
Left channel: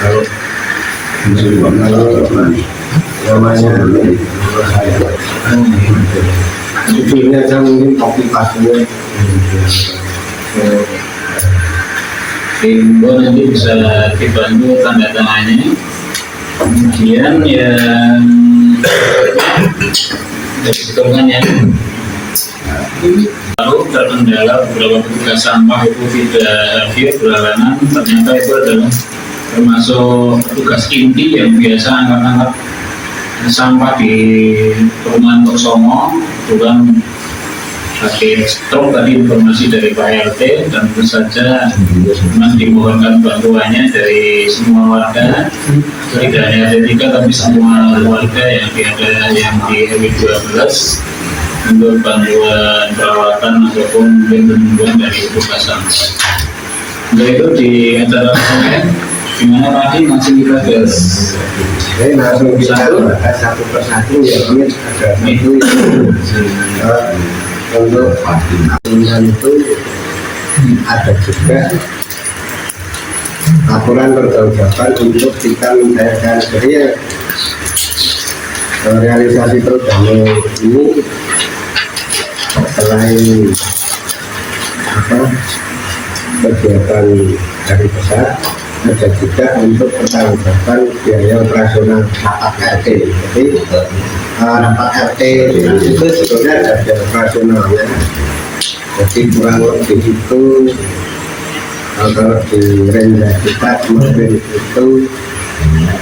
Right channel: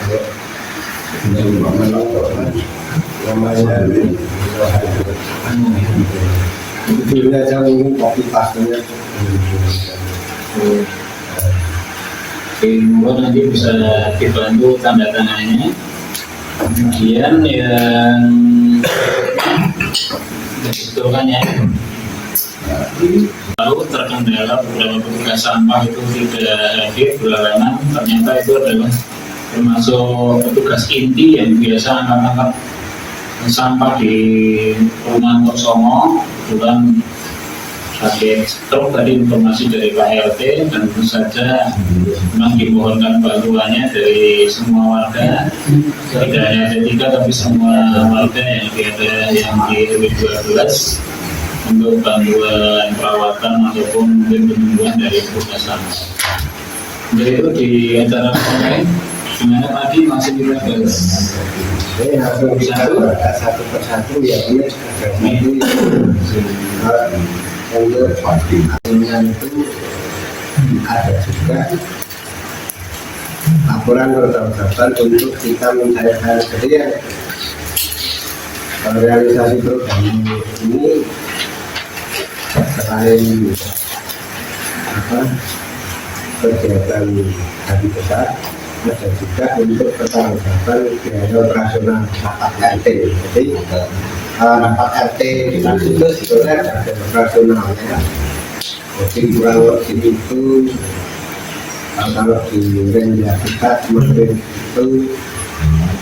kalau namanya judulnya aja mungkin kopi pasnya Timbo nanti bisa dibantu tanda tangannya. Kemudian yang sebetulnya ya, lalu terkendala beberapa petugas sampah itu tidak hadir berhalangan, ternyata itu adalah termasuk petugas inti yang biasa angkat-angkat sampah di perumahan Tosomo. Itu kan pakai stroke tadi informasi dari Pak RT, dan tentu saja memang dimohonkan bantuannya dari semua warga, tidak hanya RT 3 tapi semua warga yang ada yang di RW 12 untuk bantuan perawatan ataupun mungkin penyembuhan dari petugas sampah. Untuk itu di acara kemarin gimana Pak Adi, langsung kita gas. langsung kita bahas satu persatu ya, ini ada satu untuk aturan itu ada juga laporan pertanggungjawaban untuk kita mencairkan. Jadi ya, realisasi program ini selain kegiatan hari besar, ada juga untuk pertanggungjawaban biaya operasional rapat RT. Jadi rapat RT itu sebetulnya ada biaya operasionalnya. Jadi kurang lebih itu kalau di rendah kita kemarin itu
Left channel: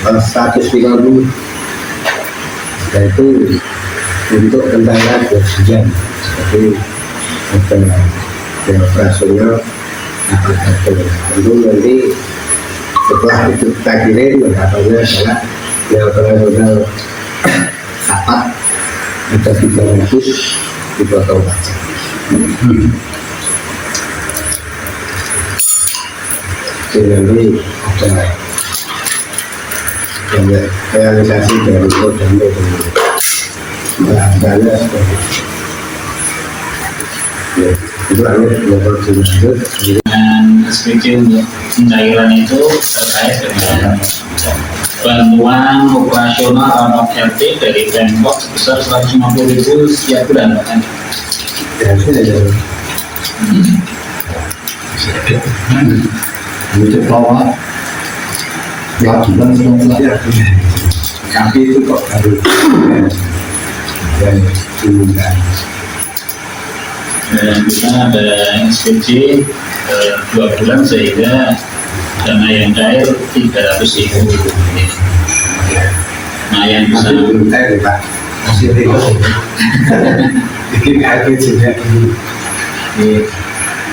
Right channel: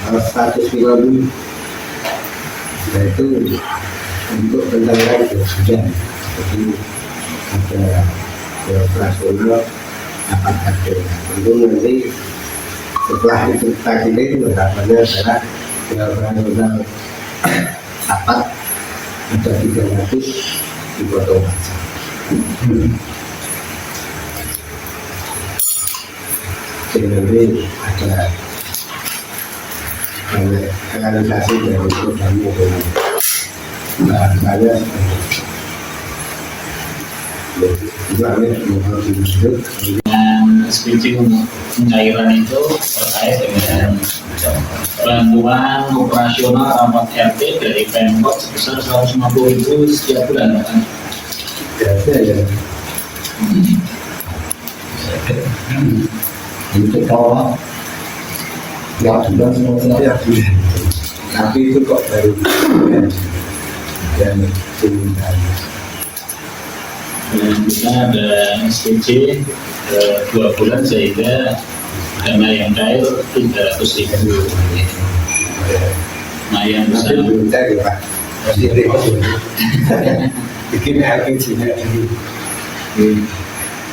150. Nah itu untuk kendaraan berjalan. Jadi ada biaya operasional rapat RT. Tentu nanti setelah itu kita kirim, harapannya adalah biaya operasional rapat ada 300 dipotong pajak. Jadi nanti ada banyak realisasi dari program itu. Bahasanya seperti itu. Ya, itu hanya level lanjut. Dan SPC untuk pencairan itu terkait dengan bantuan operasional rapat RT dari Pemkot sebesar 150.000 setiap bulan kan? Biasanya ada Untuk bawa ya bulan selesai. ya, tapi itu kok baru dan diumumkan. Dan kita ada SPC 2 bulan sehingga dana yang cair 300.000. Nah yang bisa belum tahu Pak, masih bikin harga juga dulu.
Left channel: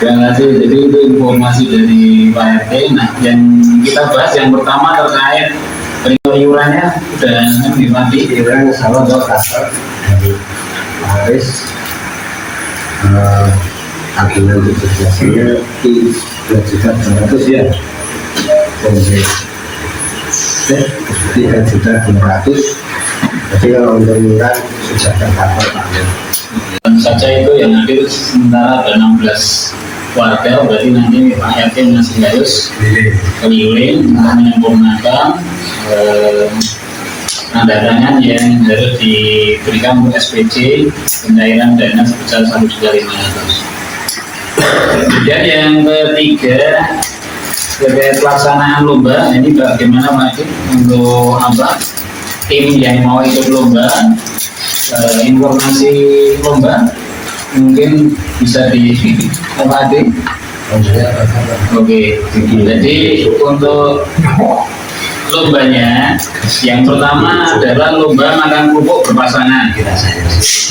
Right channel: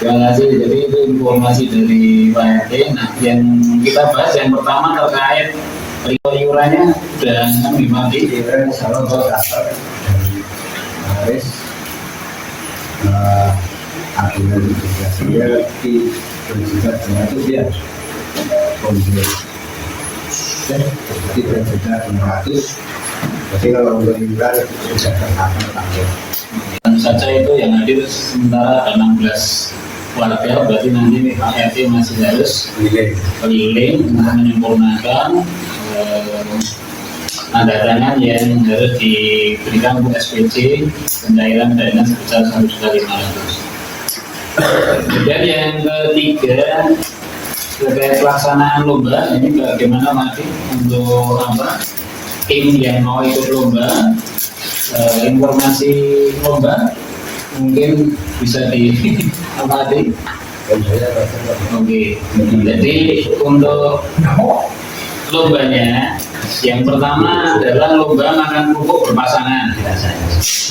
terima kasih. Jadi itu informasi dari Pak RT. Nah yang kita bahas yang pertama terkait iurannya udah dimati. Iuran sama kasar dari Haris tabungan 17-nya di 2.200.000 ya. Oke. 3.200.000. Jadi kalau untuk iuran sudah tercover Pak. Dan saja itu yang hadir sementara ada 16 warga, berarti nanti Pak RT masih harus keliling menyempurnakan tanda tangan yang harus diberikan untuk SPC pencairan dana sebesar 1.500.000. Kemudian yang ketiga terkait pelaksanaan lomba, ini bagaimana Pak untuk apa tim yang mau ikut lomba, informasi lomba mungkin bisa di apa Adi? Oke, jadi untuk lombanya yang pertama adalah lomba makan kerupuk berpasangan.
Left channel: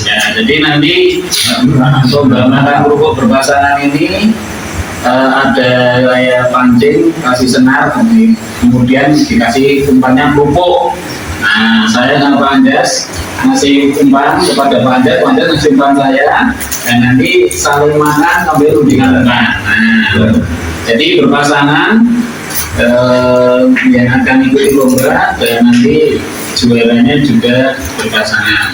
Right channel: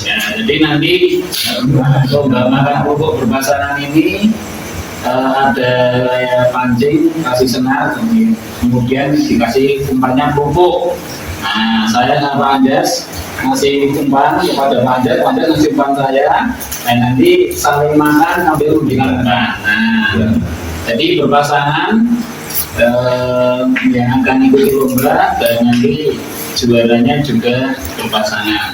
Ya, jadi nanti lomba makan kerupuk berpasangan ini ada layar pancing, kasih senar, kemudian dikasih umpannya kerupuk. Nah, saya dengan Pak Anjas ngasih umpan kepada Pak Anjas ngasih umpan saya, dan nanti saling makan sambil rundingan umpan. Nah, Jadi berpasangan yang akan ikuti lomba dan nanti juaranya juga berpasangan.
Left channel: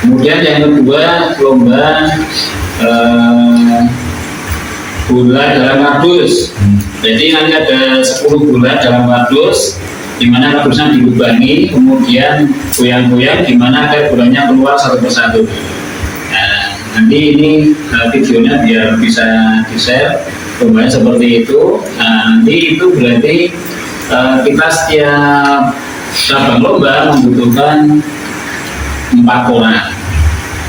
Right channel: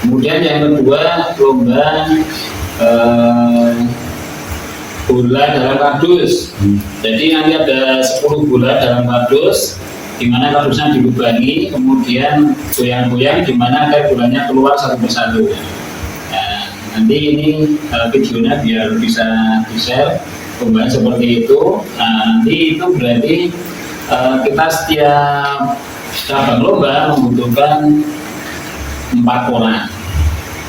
Kemudian yang kedua lomba bola dalam kardus. Jadi nanti ada 10 bola dalam kardus, di mana kardusnya dilubangi, kemudian goyang-goyang di mana agar bolanya keluar satu persatu. Nah, nanti ini videonya biar bisa di-share lombanya seperti itu. Nah, nanti itu berarti kita setiap cabang lomba membutuhkan 4 orang.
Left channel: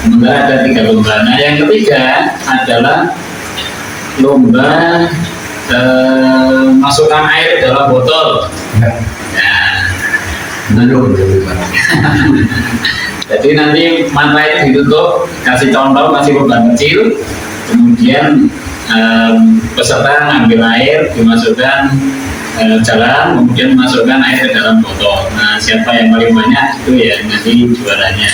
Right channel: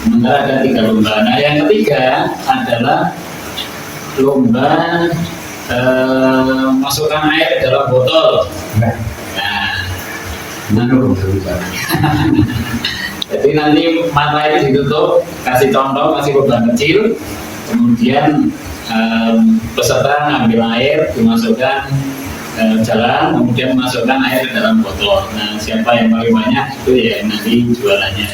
Sementara ada 3 lomba. Nah, yang ketiga adalah lomba masukkan air dalam botol. Nah, jadi nanti mata itu ditutup, kasih contoh, kasih beban kecil, kemudian peserta ngambil air, dimasukkan jalan, kemudian masukkan air ke dalam botol. Nah, siapa yang paling banyak itu ya nanti juaranya.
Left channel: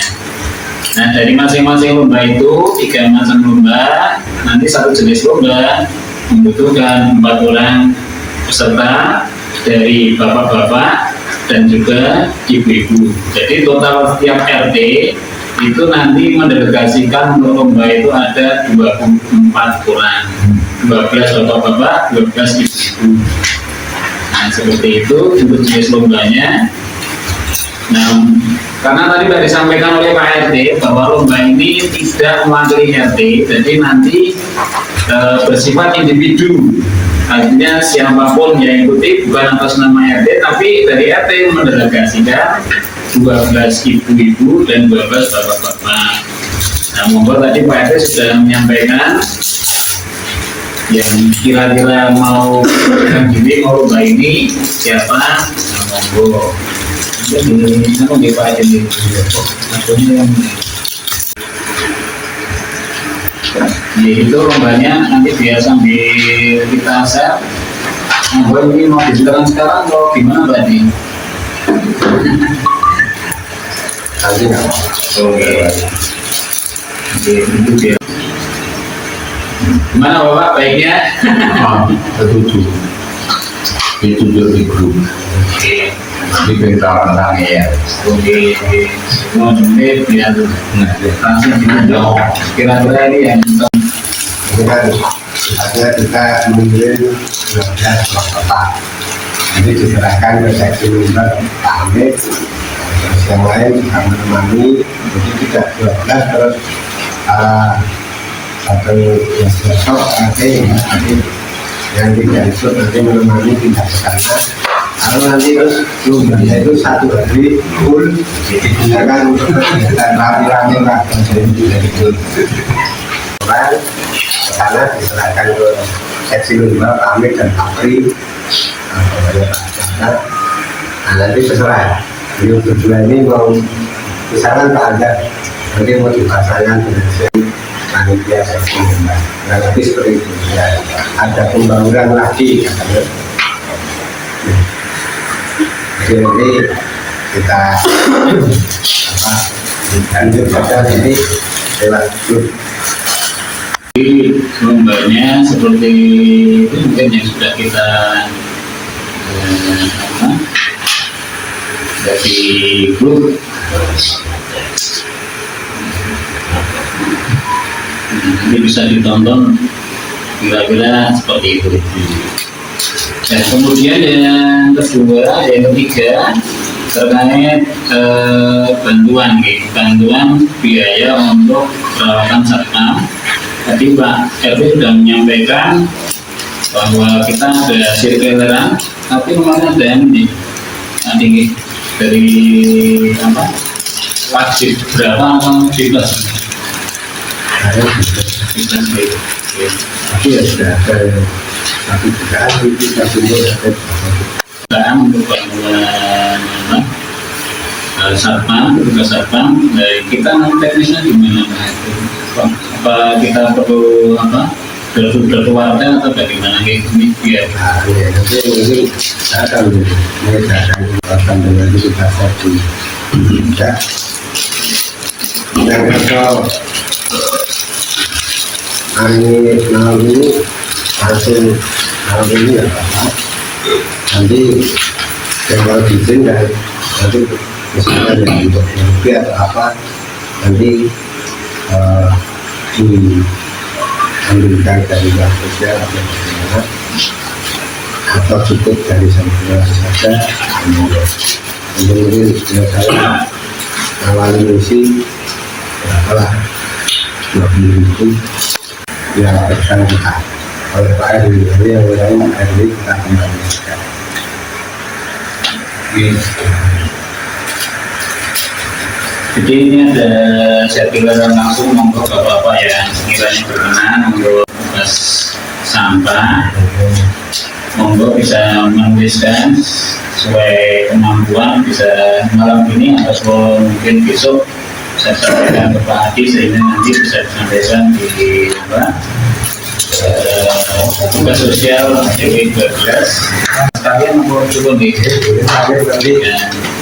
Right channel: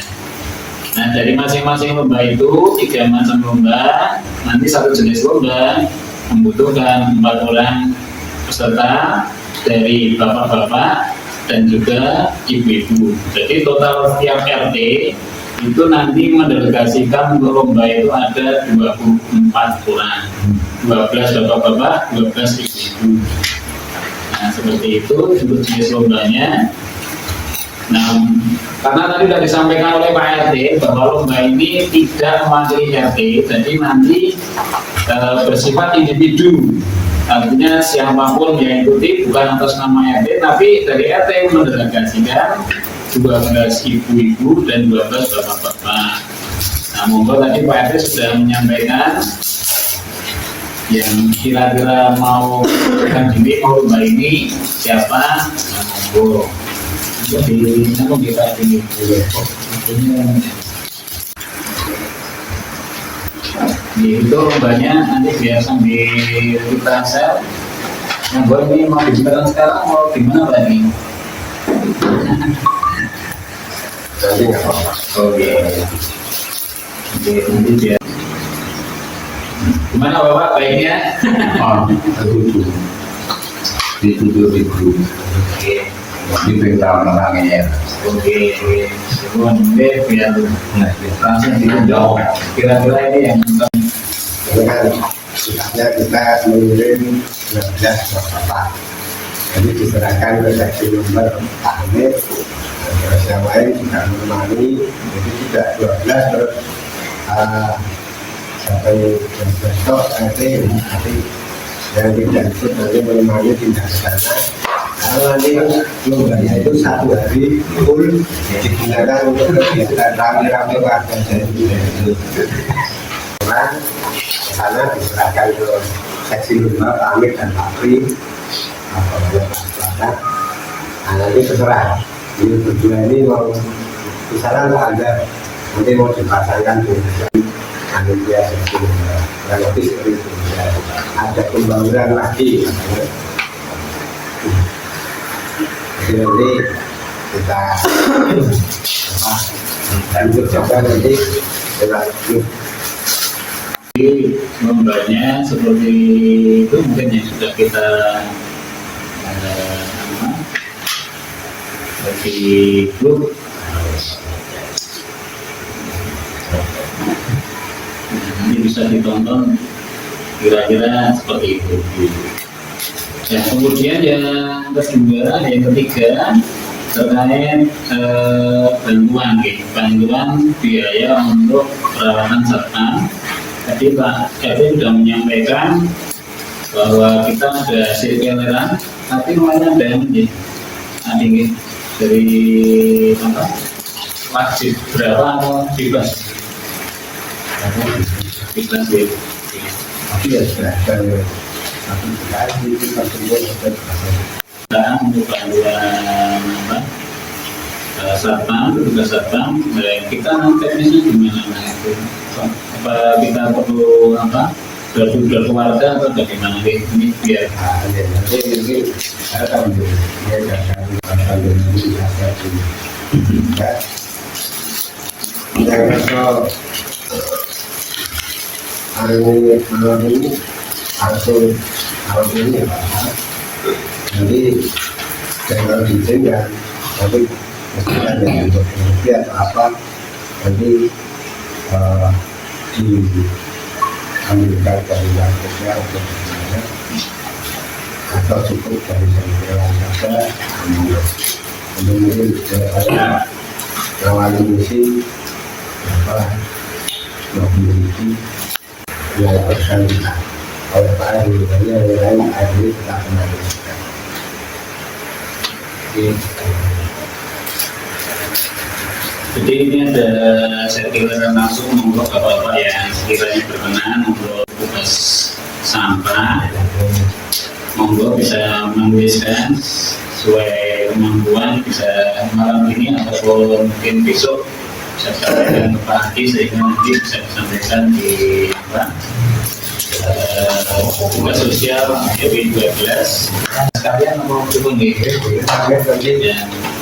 Nah, dari masing-masing lomba itu 3 macam lomba, nanti satu jenis lomba membutuhkan 4 orang peserta dari bapak-bapak dan juga ibu-ibu. Jadi total setiap RT itu nanti mendelegasikan untuk lomba itu ada 24 orang, 12 bapak-bapak, 12 ibu-ibu. Nah, seperti itu untuk jenis lombanya. Nah, karena tadi sudah disampaikan oleh Pak RT bahwa lomba ini tidak mewakili RT, jadi nanti bersifat individu. Artinya siapapun yang ikuti bukan atas nama RT, tapi dari RT mendelegasikan 12 ibu-ibu dan 12 bapak-bapak. Nah, monggo tadi Pak RT sudah menyampaikan yang kira-kira mau diri mau lomba ini siapa? Nah, monggo. Jadi aku Pak RT maksudnya yaitu lombanya nanti biar sambil kita share. Nah, ini mau dijelaskan sekarang atau gimana tadi? Nanti nggak apa-apa. Oke. Oke, itu biar. Gimana Bapak baiknya? Setuju. Ditujuh di grup. Oke. Di bengkel tenang ya. Oke. Kemudian biar langsung ditunjuk. Kira-kira ini yang Ini kan sifatnya kita mengirim 12 bapak. Jadi diserahkan ke seksi lomba Pak Amit, terus yang lain juga menemani. Jadi tidak 12 terus satu yang besok nanti yang tidak ikut nanti menemani tidak ke sana. Kalau nanti lombanya itu 1 hari full digunakan untuk kegiatan rame-rame lah, jadi tidak ikut orang sana diserahkan ke seksi lomba Pak Amit dan Pak Pri, Pak Jaka. Nah, nanti terserah yang berdua ini mau misalkan Pak Anda nanti mau dipasangkan dengan panitia seksi lomba, nah nanti seperti itu ya, ada pembangunan lagi katanya. Jadi nanti kita lanjut saja ini lewat grup. Jadi lombanya seperti itu mungkin yang sudah kita dari grup. Ini bisa ditonton kira-kira seperti itu. Nah, kemudian yang kedua, yang ketiga terkait bantuan biaya untuk perawatan satpam. Tadi Pak RT sudah menyampaikan bahwa kita ada sirkuleran, tapi kemarin ada yang tinggi dari apa wajib berapa atau bebas? Bebas. Tapi ya sudah ada satu jutaan itu satu jutaan untuk bantuan satpam, petugas satpam. Kita teknisnya gimana Pak itu? Apa kita perlu apa? Dari warga atau bagaimana ini biar? Nanti saya akan mengerjakan dengan kita satu. Ya. Yang kedua hari ini malam ini langsung tahun ini ya nanti kalau izin dan nanti misalkan yang untuk rupiah atau apa nanti diambilkan dari bank sosial atau bagaimana atau cukup dari santunan saja. Mungkin saya awalnya misi berapa 20.000 ya lakukan kita oleh Pak Eri, jadi yang lain Pak Eri kita kembalikan. Jadi ini ada sirkular langsung monggo bapak-bapak yang sekiranya berkenan untuk tugas sampah, monggo bisa menuliskan sesuai kemampuan, bisa malam ini ataupun mungkin besok saya sampaikan ke Pak Adi sehingga nanti bisa disampaikan di tugas sosial DW 12 sekalian mau coba nih Nanti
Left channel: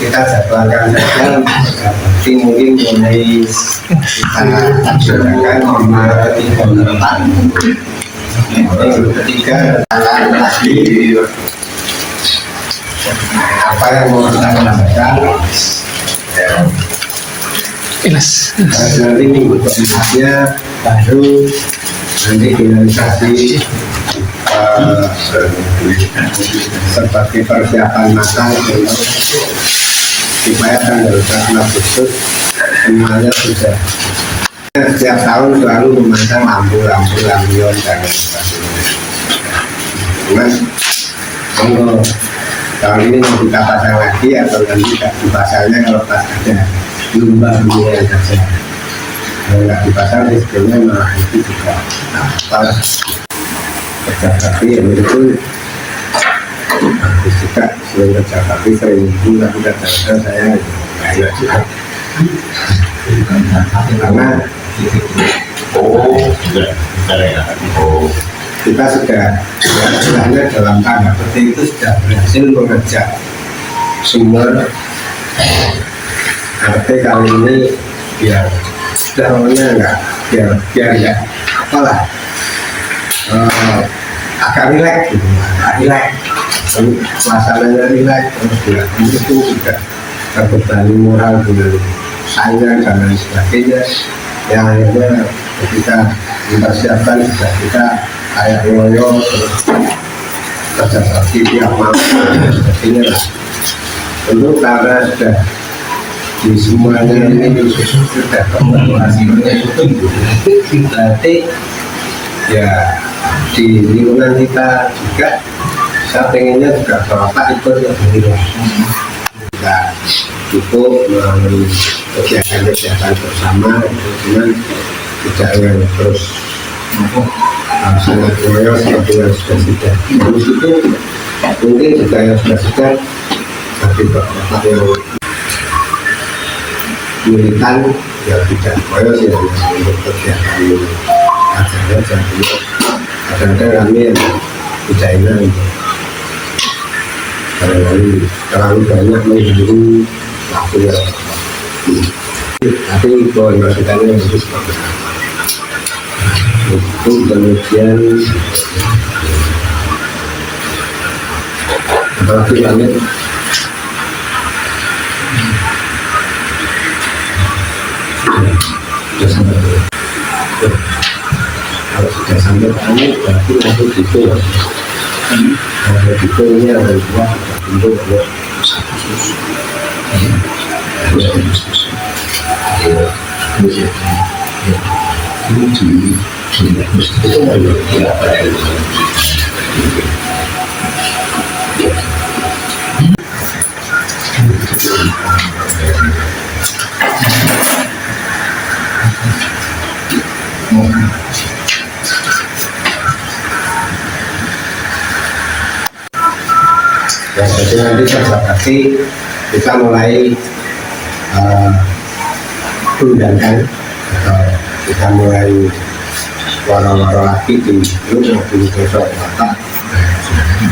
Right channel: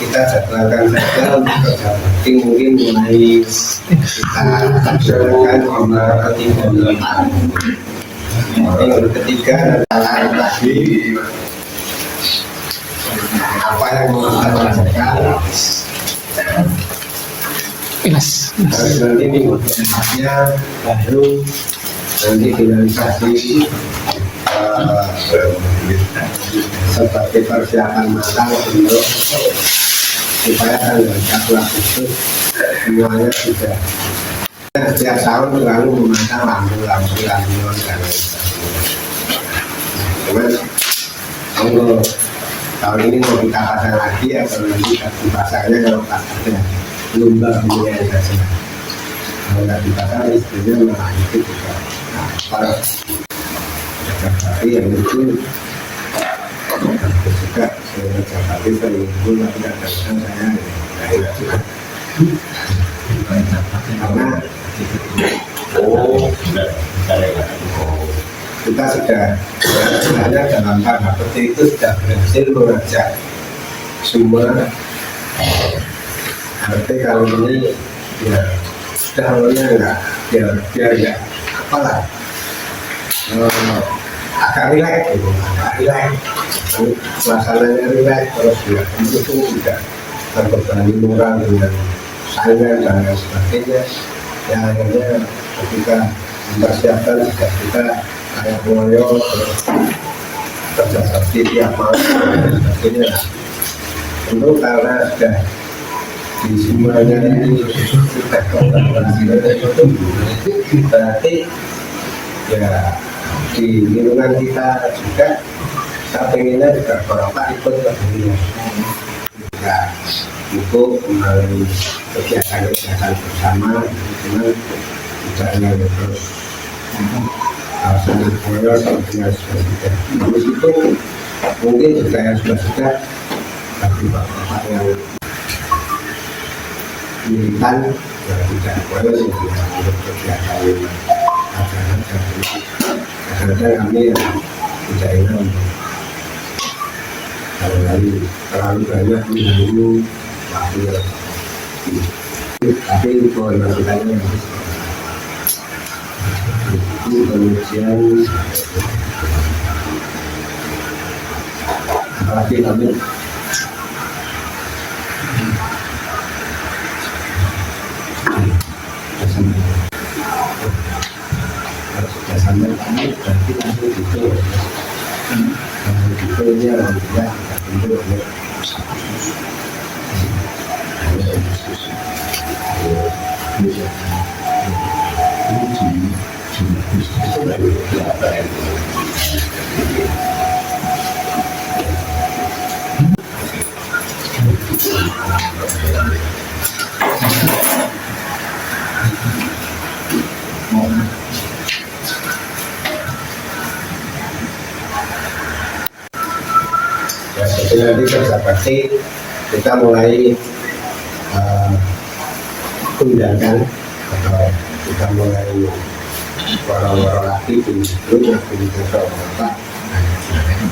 kita jadwalkan saja seperti mungkin mulai kita laksanakan nomor ketiga yang ketiga adalah lagi apa yang mau kita lakukan. Nanti minggu depannya baru nanti finalisasi sebagai persiapan matang untuk supaya tanggal 1 Agustus semuanya sudah. Setiap tahun selalu memasang lampu-lampu lampion dan lain sebagainya. Cuman monggo tahun ini mau kita pasang lagi atau nanti dipasangnya kalau pas ada lomba bunyian saja. Kalau nggak dipasang istilahnya malah itu juga apa kerja bakti yang itu bagus juga. Selain kerja bakti 1.000 tapi kadang-kadang saya nggak enak juga karena kita sudah istilahnya dalam tanda petik itu sudah berhasil mengajak semua RT kali ini biar sudah namanya enggak biar enggak apalah agak rileks gitu, agak rileks suasananya rileks terus juga itu juga terbebani moral dengan saingan dan lain sebagainya yang akhirnya ketika dipersiapkan juga kita kayak ngoyo terus kerja bakti tiap malam dan sebagainya lah. Tentu karena sudah di semuanya ini sudah kolaborasi berarti ya di lingkungan kita juga saya pengennya juga bapak ikut lebih kita cukup melalui kegiatan-kegiatan bersama itu cuman tidak yang terus sangat loyal seperti yang sudah habis itu mungkin juga yang sudah tapi bapak yang militan ya tidak loyal sih untuk kegiatan ini acaranya jadi kadang-kadang kami yang tidak enak barangkali terlalu banyak mengganggu waktu ya tapi kalau masukannya bagus itu kemudian apalagi banyak sudah sampai kalau sudah sampai kami berarti langsung gitu ya kalau gitu ini ada dua bentuk ya jadi nanti pasti kita mulai undangkan atau kita mulai waro-waro lagi di grup maupun besok bapak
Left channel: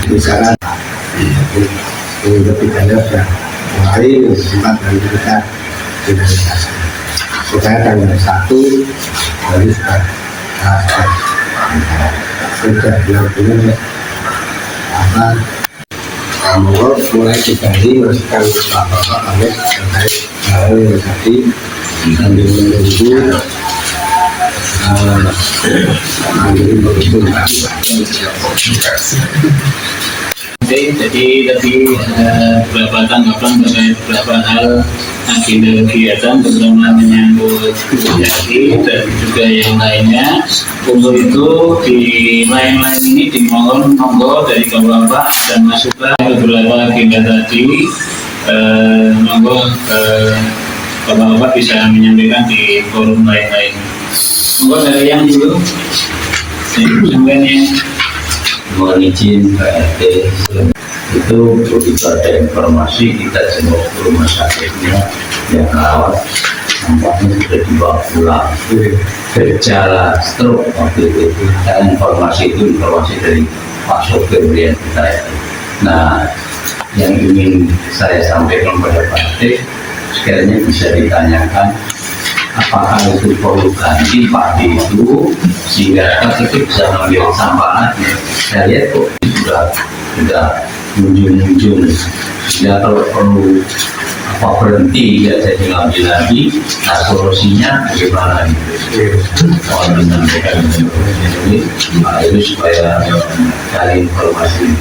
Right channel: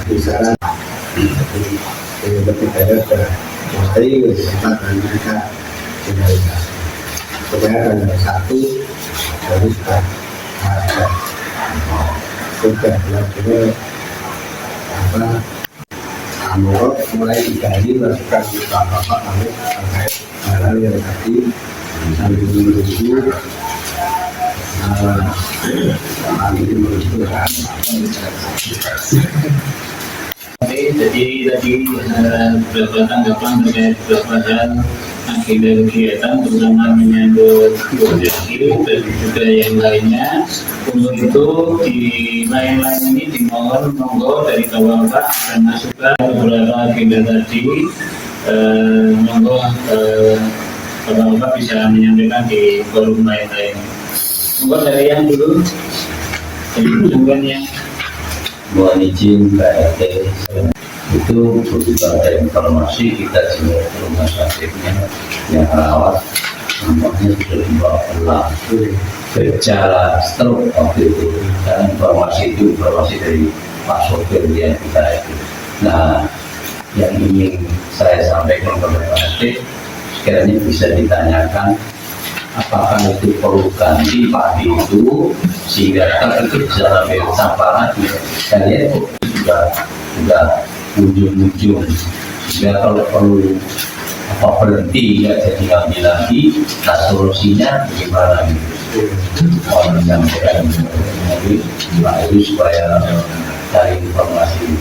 misalnya ini ketiganya sudah mulai tempat nanti kita finalisasi supaya tanggal 1 hari sudah benar-benar Monggo mulai digali masukan bapak-bapak kami terkait hal yang tadi sambil menunggu mandiri begitu. Oke, jadi tadi beberapa tanggapan terkait beberapa hal agenda kegiatan terutama menyangkut jadi dan juga yang lainnya. Untuk itu di lain-lain ini dimohon monggo dari bapak-bapak dan masukan beberapa agenda tadi. Monggo bapak-bapak bisa menyampaikan di forum lain-lain. Monggo dari yang dulu. Kemudian yang Mohon izin Pak RT, itu begitu ada informasi kita jenguk ke rumah sakitnya yang rawat, nampaknya sudah dibawa pulang bergejala stroke waktu itu. Dan informasi itu informasi dari Pak Sopir yang kita itu. Nah, yang ingin saya sampaikan kepada Pak RT, sekiranya bisa ditanyakan apakah itu perlu ganti padi itu sehingga kita bisa ambil sampah lagi. Saya lihat kok sudah ujung-ujung, sehingga kalau perlu berhenti nggak jadi ngambil lagi. Nah, solusinya bagaimana gitu? Mohon disampaikan dari Pak Heru supaya cari informasi.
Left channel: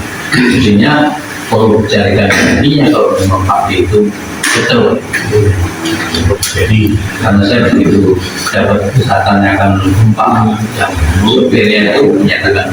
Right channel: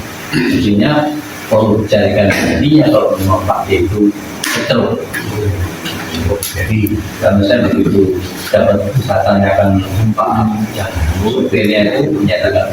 Intinya perlu carikan gantinya kalau memang padi itu betul. Jadi karena saya begitu dapat tanyakan Pak yang supirnya itu menyatakan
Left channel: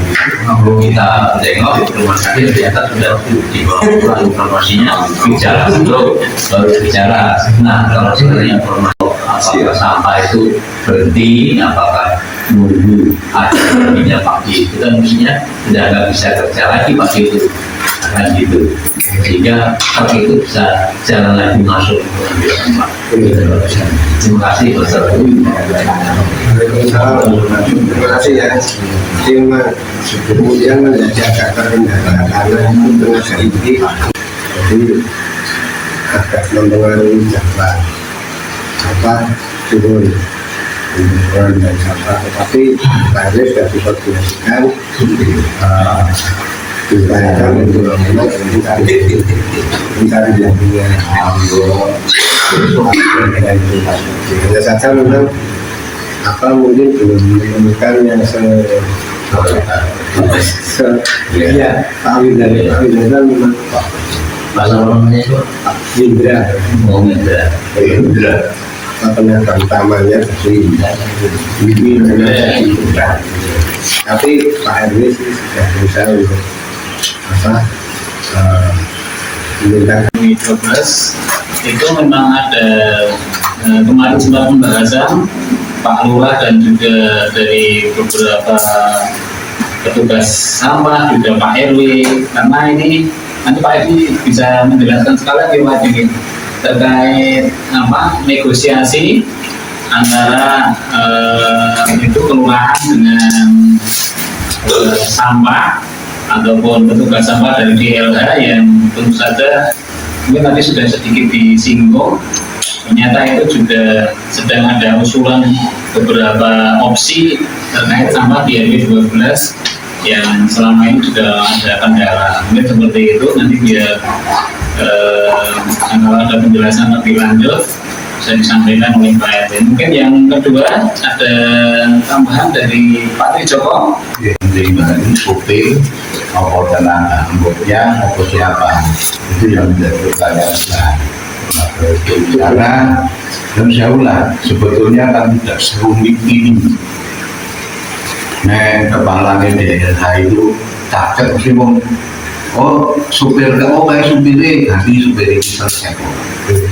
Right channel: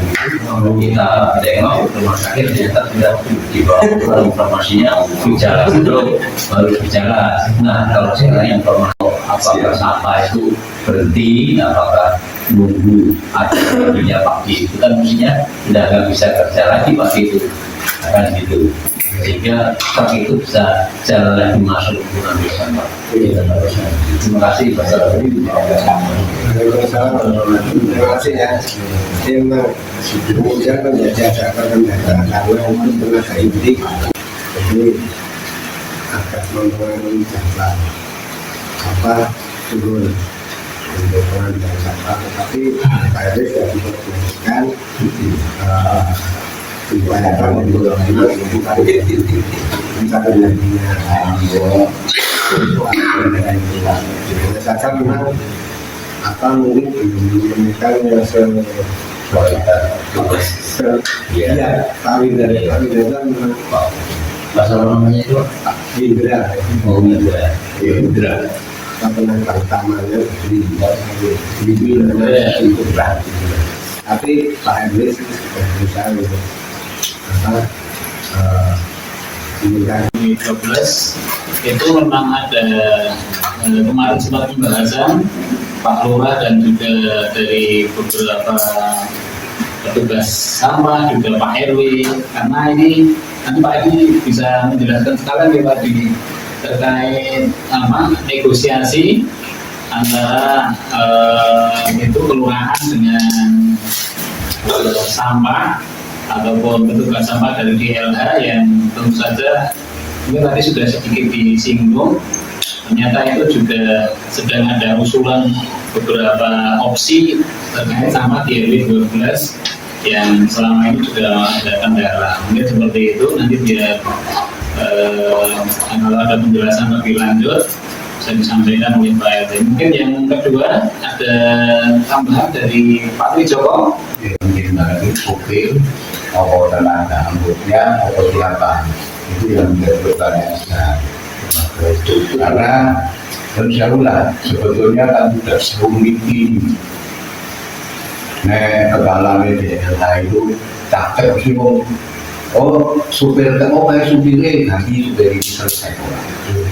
kita tengok rumah sakit ternyata sudah dibawa pulang informasinya bicara dulu baru bicara. Nah, kalau sekarang informasi apakah sampah itu berhenti, apakah nunggu ada berhentinya pagi itu kan mestinya sudah nggak bisa kerja lagi pagi itu akan gitu, sehingga truk itu bisa jalan lagi masuk untuk ambil sampah. Terima kasih Wassalamualaikum. Waalaikumsalam. Terima kasih ya. Kemudian menjadi agak terkendala karena itu tenaga inti, jadi agak mempengaruhi Jawa turun untuk dan Jawa. Tetapi Pak Heru sudah dikoordinasikan diupayakan untuk mencari gantinya. Hanya saja memang mungkin belum menemukan yang kawin dari memang Bahasa namanya itu Indra, Indra. tenaga utamanya ini dengan Indra. Tapi Pak Heru sudah berusaha untuk meminta 12 itu memang ada kemarin sempat pembahasan Pak Lurah dan juga dari beberapa petugas sampah juga Pak RW, karena ini nanti Pak RW bisa menjelaskan sekali Pak ini terkait negosiasi antara itu kelurahan dengan sampah ataupun petugas sampah dari DLH yang tentu saja mungkin tadi sudah sedikit disinggung. Ternyata itu juga sedang ada usulan beberapa opsi terkait sampah di RW 12 yang selama ini sudah ada kendala. Mungkin seperti itu nanti biar kalau ada penjelasan lebih lanjut bisa disampaikan oleh Pak RT. Mungkin yang kedua ada tambahan dari Pak Trijoko. Penting banget ini supir apa tenaga anggotnya apa siapa itu yang menjadi pertanyaan. Karena dan saya ulang sebetulnya kan tidak serumit ini. Kepala DLH itu cakep sih supir kayak supirnya ganti supir ini selesai.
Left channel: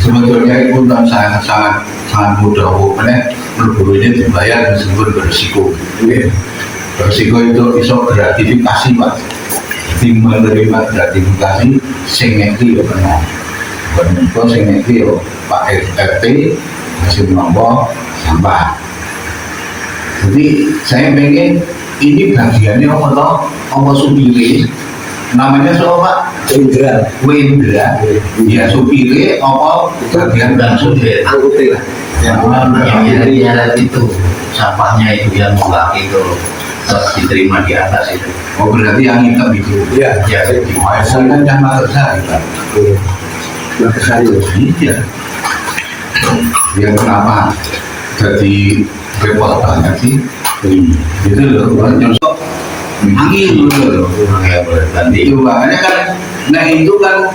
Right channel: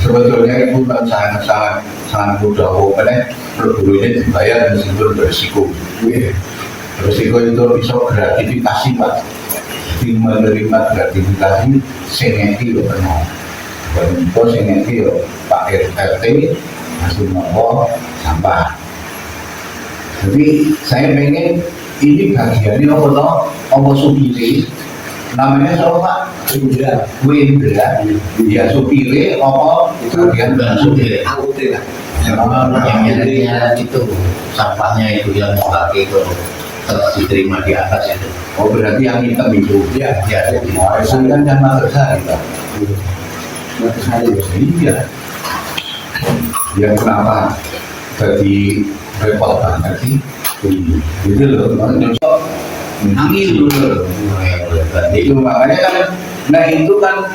Sebetulnya itu sangat mudah. Pokoknya perburunya dibayar meskipun berisiko. Berisiko itu bisa gratifikasi Pak. Tim menerima gratifikasi sengeki ya benar. Bentuk sengeki ya Pak RT masih nombor sampah. Jadi saya pengen ini bagiannya apa toh? Apa supirnya? Namanya siapa Pak? Wendra. Ya supirnya apa bagian dan supir? Angkutin lah. Yang nyari itu sampahnya itu yang mau pakai itu diterima di atas itu. Oh berarti yang hitam itu. Iya. Ya, Warisan kan yang masuk saya. Nah, kesari. Iya. Dia kenapa jadi repot banget sih? Gitu loh, nyosok angin loh. Itu makanya kan, nah itu kan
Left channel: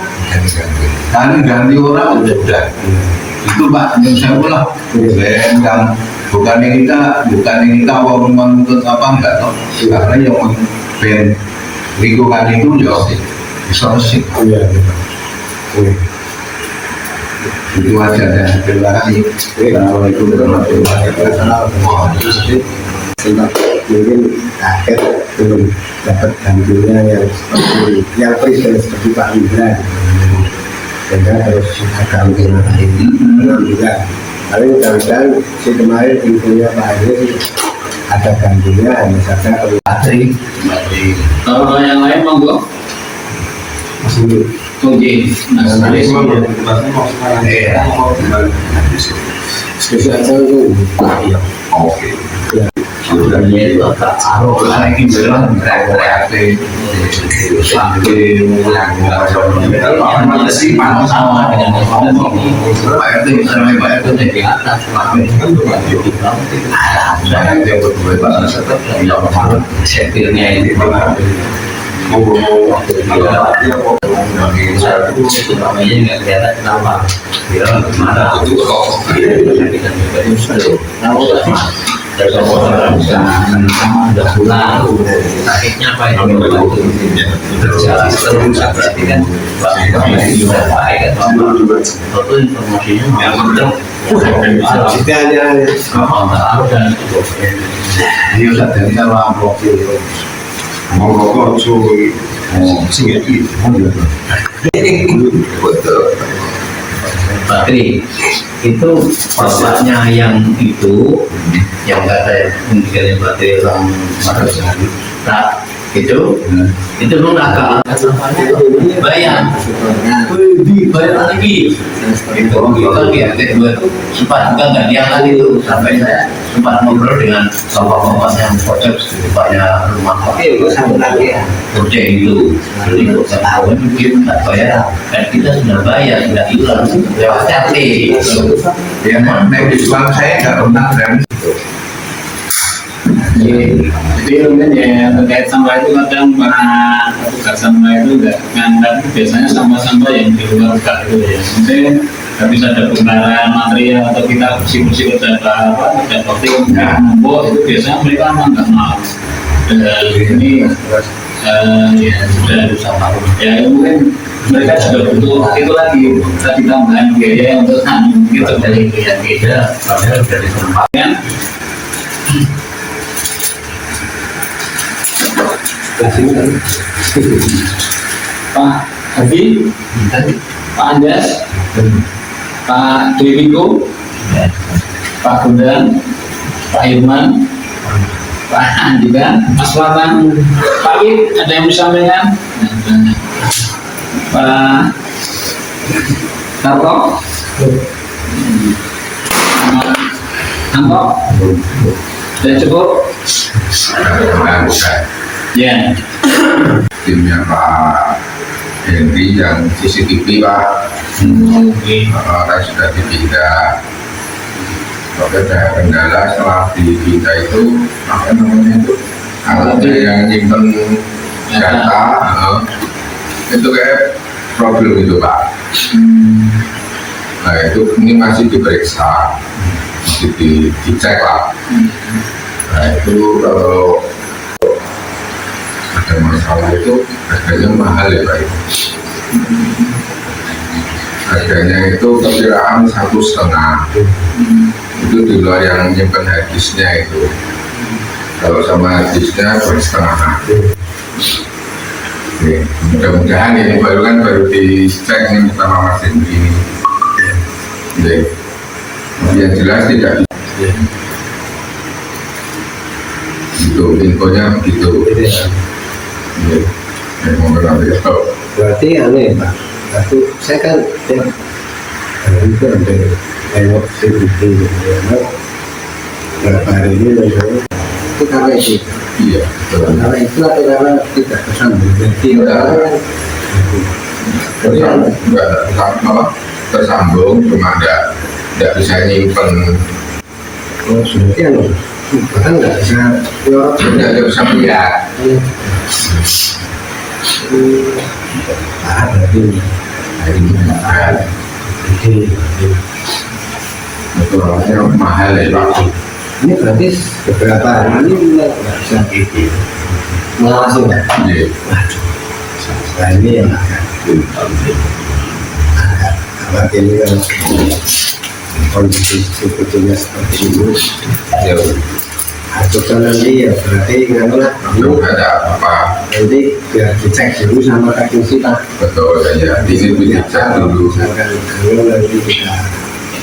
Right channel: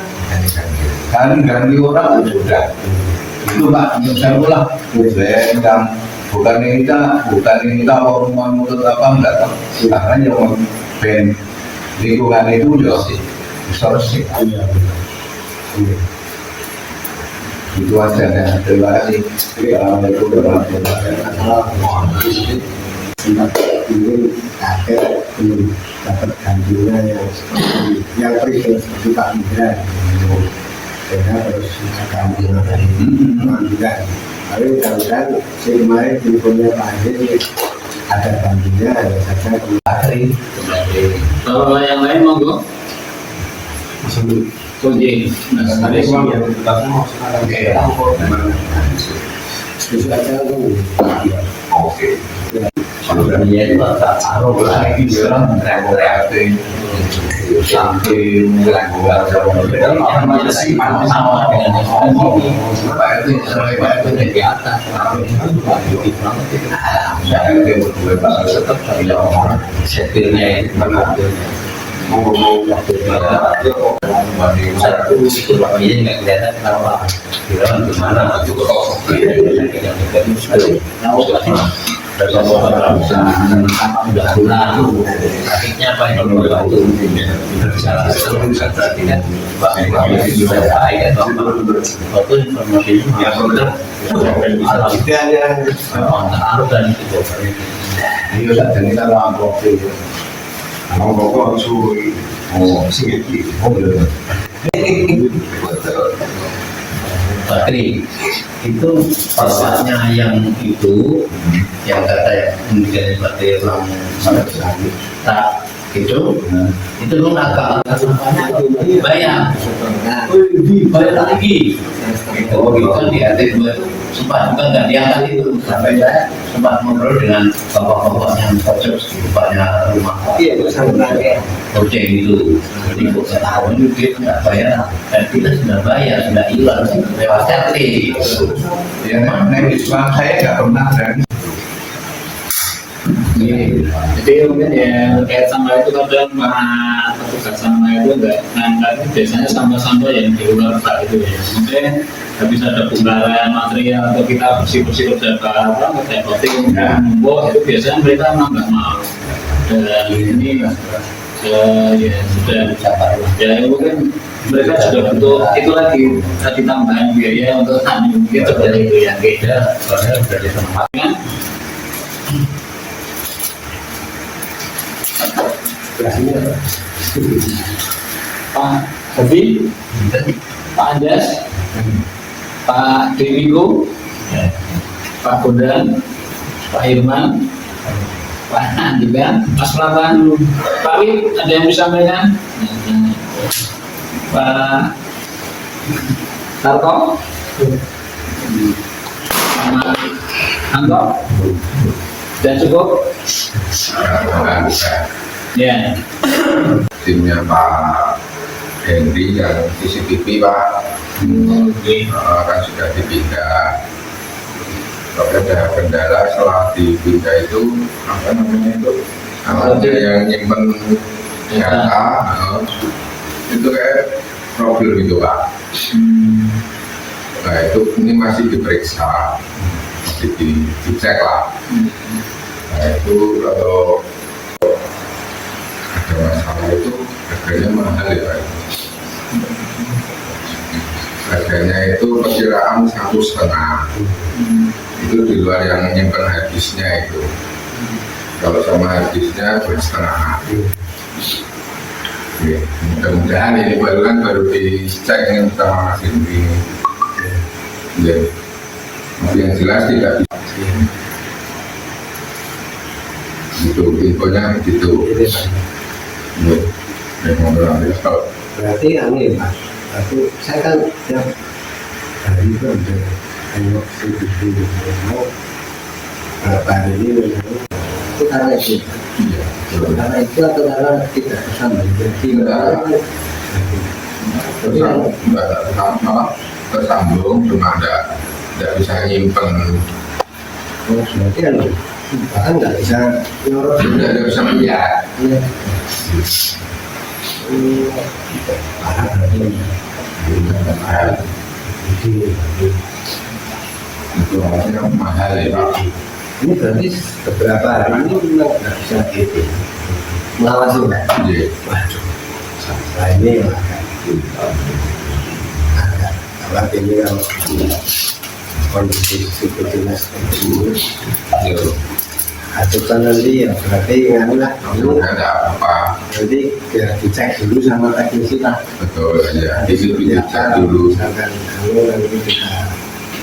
ganti orang sudah. Itu Pak, saya ulah bukan ini kita orang menuntut apa enggak toh, karena yang ben lingkungan itu ya selesai. Iya. Itu aja ya, terima kasih. Assalamualaikum warahmatullahi wabarakatuh. Sebab mungkin akhir belum dapat gantinya yang seperti yang presiden seperti Pak Indra, sehingga harus agak mungkin 6 bulan. Tapi mudah-mudahan si kemarin infonya Pak Indra ada gantinya, hanya saja Patri. Kalau yang lain monggo. masih Oke, nah sekali spesial saya itu iya. Oke. sebenarnya itu agak aruh lah. Lagi bilang reaktif sampai mulai apa sih panas Sama dengan yang sudah sini. Pak RT sampai Pak RT Di atas, saya yang berdua bahasa tetap bilang kemarin setirnya itu ini nggak kelihatan kenapa bilang gimana udah pulang kakinya apa ini berjalan terus berarti kan sudah baik atau apa informasinya Kita hanya harus dan itu Iya, dan ini sama profil mau rokok cuy sih betul Patri itu bapaknya yang itu yang kata meninggalnya Patri orang Madura tak itu memang nakal bayar lagi itu dia kedua itu sempat juga nggak diangkat itu sampai saya sempat ngobrol dengan bapak-bapak yang pojok bapaknya rumah proyek itu jadi setahun mungkin nggak bayar dan kita sudah bayar sudah iuran lewat CT ya mana di Islam saya nggak pernah berani Jadi mungkin ya terkait sampah itu kadang para petugas sampah itu nggak nganggap biasanya sampah-sampah yang di luar bak itu ya. Mungkin habis ada bongkaran material atau kita bersih-bersih kerja tim numpuk itu biasanya mereka memang nggak mau. Dan ini ya sudah ya mungkin mereka juga butuh itu lagi tadi tambahan biaya untuk mungkin seperti itu ya beda padahal dari tempat kan. Pak Hafi, Pak Anjas, Pak Dwiko, Pak Gundang, Pak Irman, Pak Andika, Mas Latan, Pak Wid, ada yang bisa sampaikan? Pak Tarto, Anto, dan cukup? Ya. Timnya Pak Henry yang CCTV Pak kan sudah dipindah. Tapi ada kendala setelah dipindah itu apa namanya itu alatnya yang nyimpen data itu kayak problem itu Pak. Nah itu ini masih diperiksa, masih dicek lah. Nah itu kalau ada masalah itu harganya mahal ya Pak. Harganya itu perkiraan 1,5. Itu di luar yang nyimpen hadisnya itu. Kalau sama hadisnya 2,5. Oke, mudah-mudahan ini baru dicek ini sama Mas Hendri ini. Oke. Yang jelas tidak itu infonya begitu. Berarti aneh Pak. Berarti saya kan tiap hari itu ada tengok CCTV gitu ya. Berapa hari ini itu karena itu. Iya, betul. Karena itu atau karena tidak tersambung. Jadi Enggak tersambung, cuma enggak bisa nyimpen, sudah kan, bahkan nggak bisa nyorot. enggak bisa lihat. Iya. Parah berarti ini. Itu orangnya mahal ya Pak. Ini berarti beberapa hari ini nggak bisa mengawasi nggak? Iya. Waduh, saya ini yang agak khawatir ini kalau kondisi sebetulnya seperti ini. Ya, Aturan nanti ya berarti nganu lah, belum ada apa-apa. nanti biar dicek dulu sama teknisi lah. Betul ya. Ini dicek dulu. Misalkan kalau nanti kita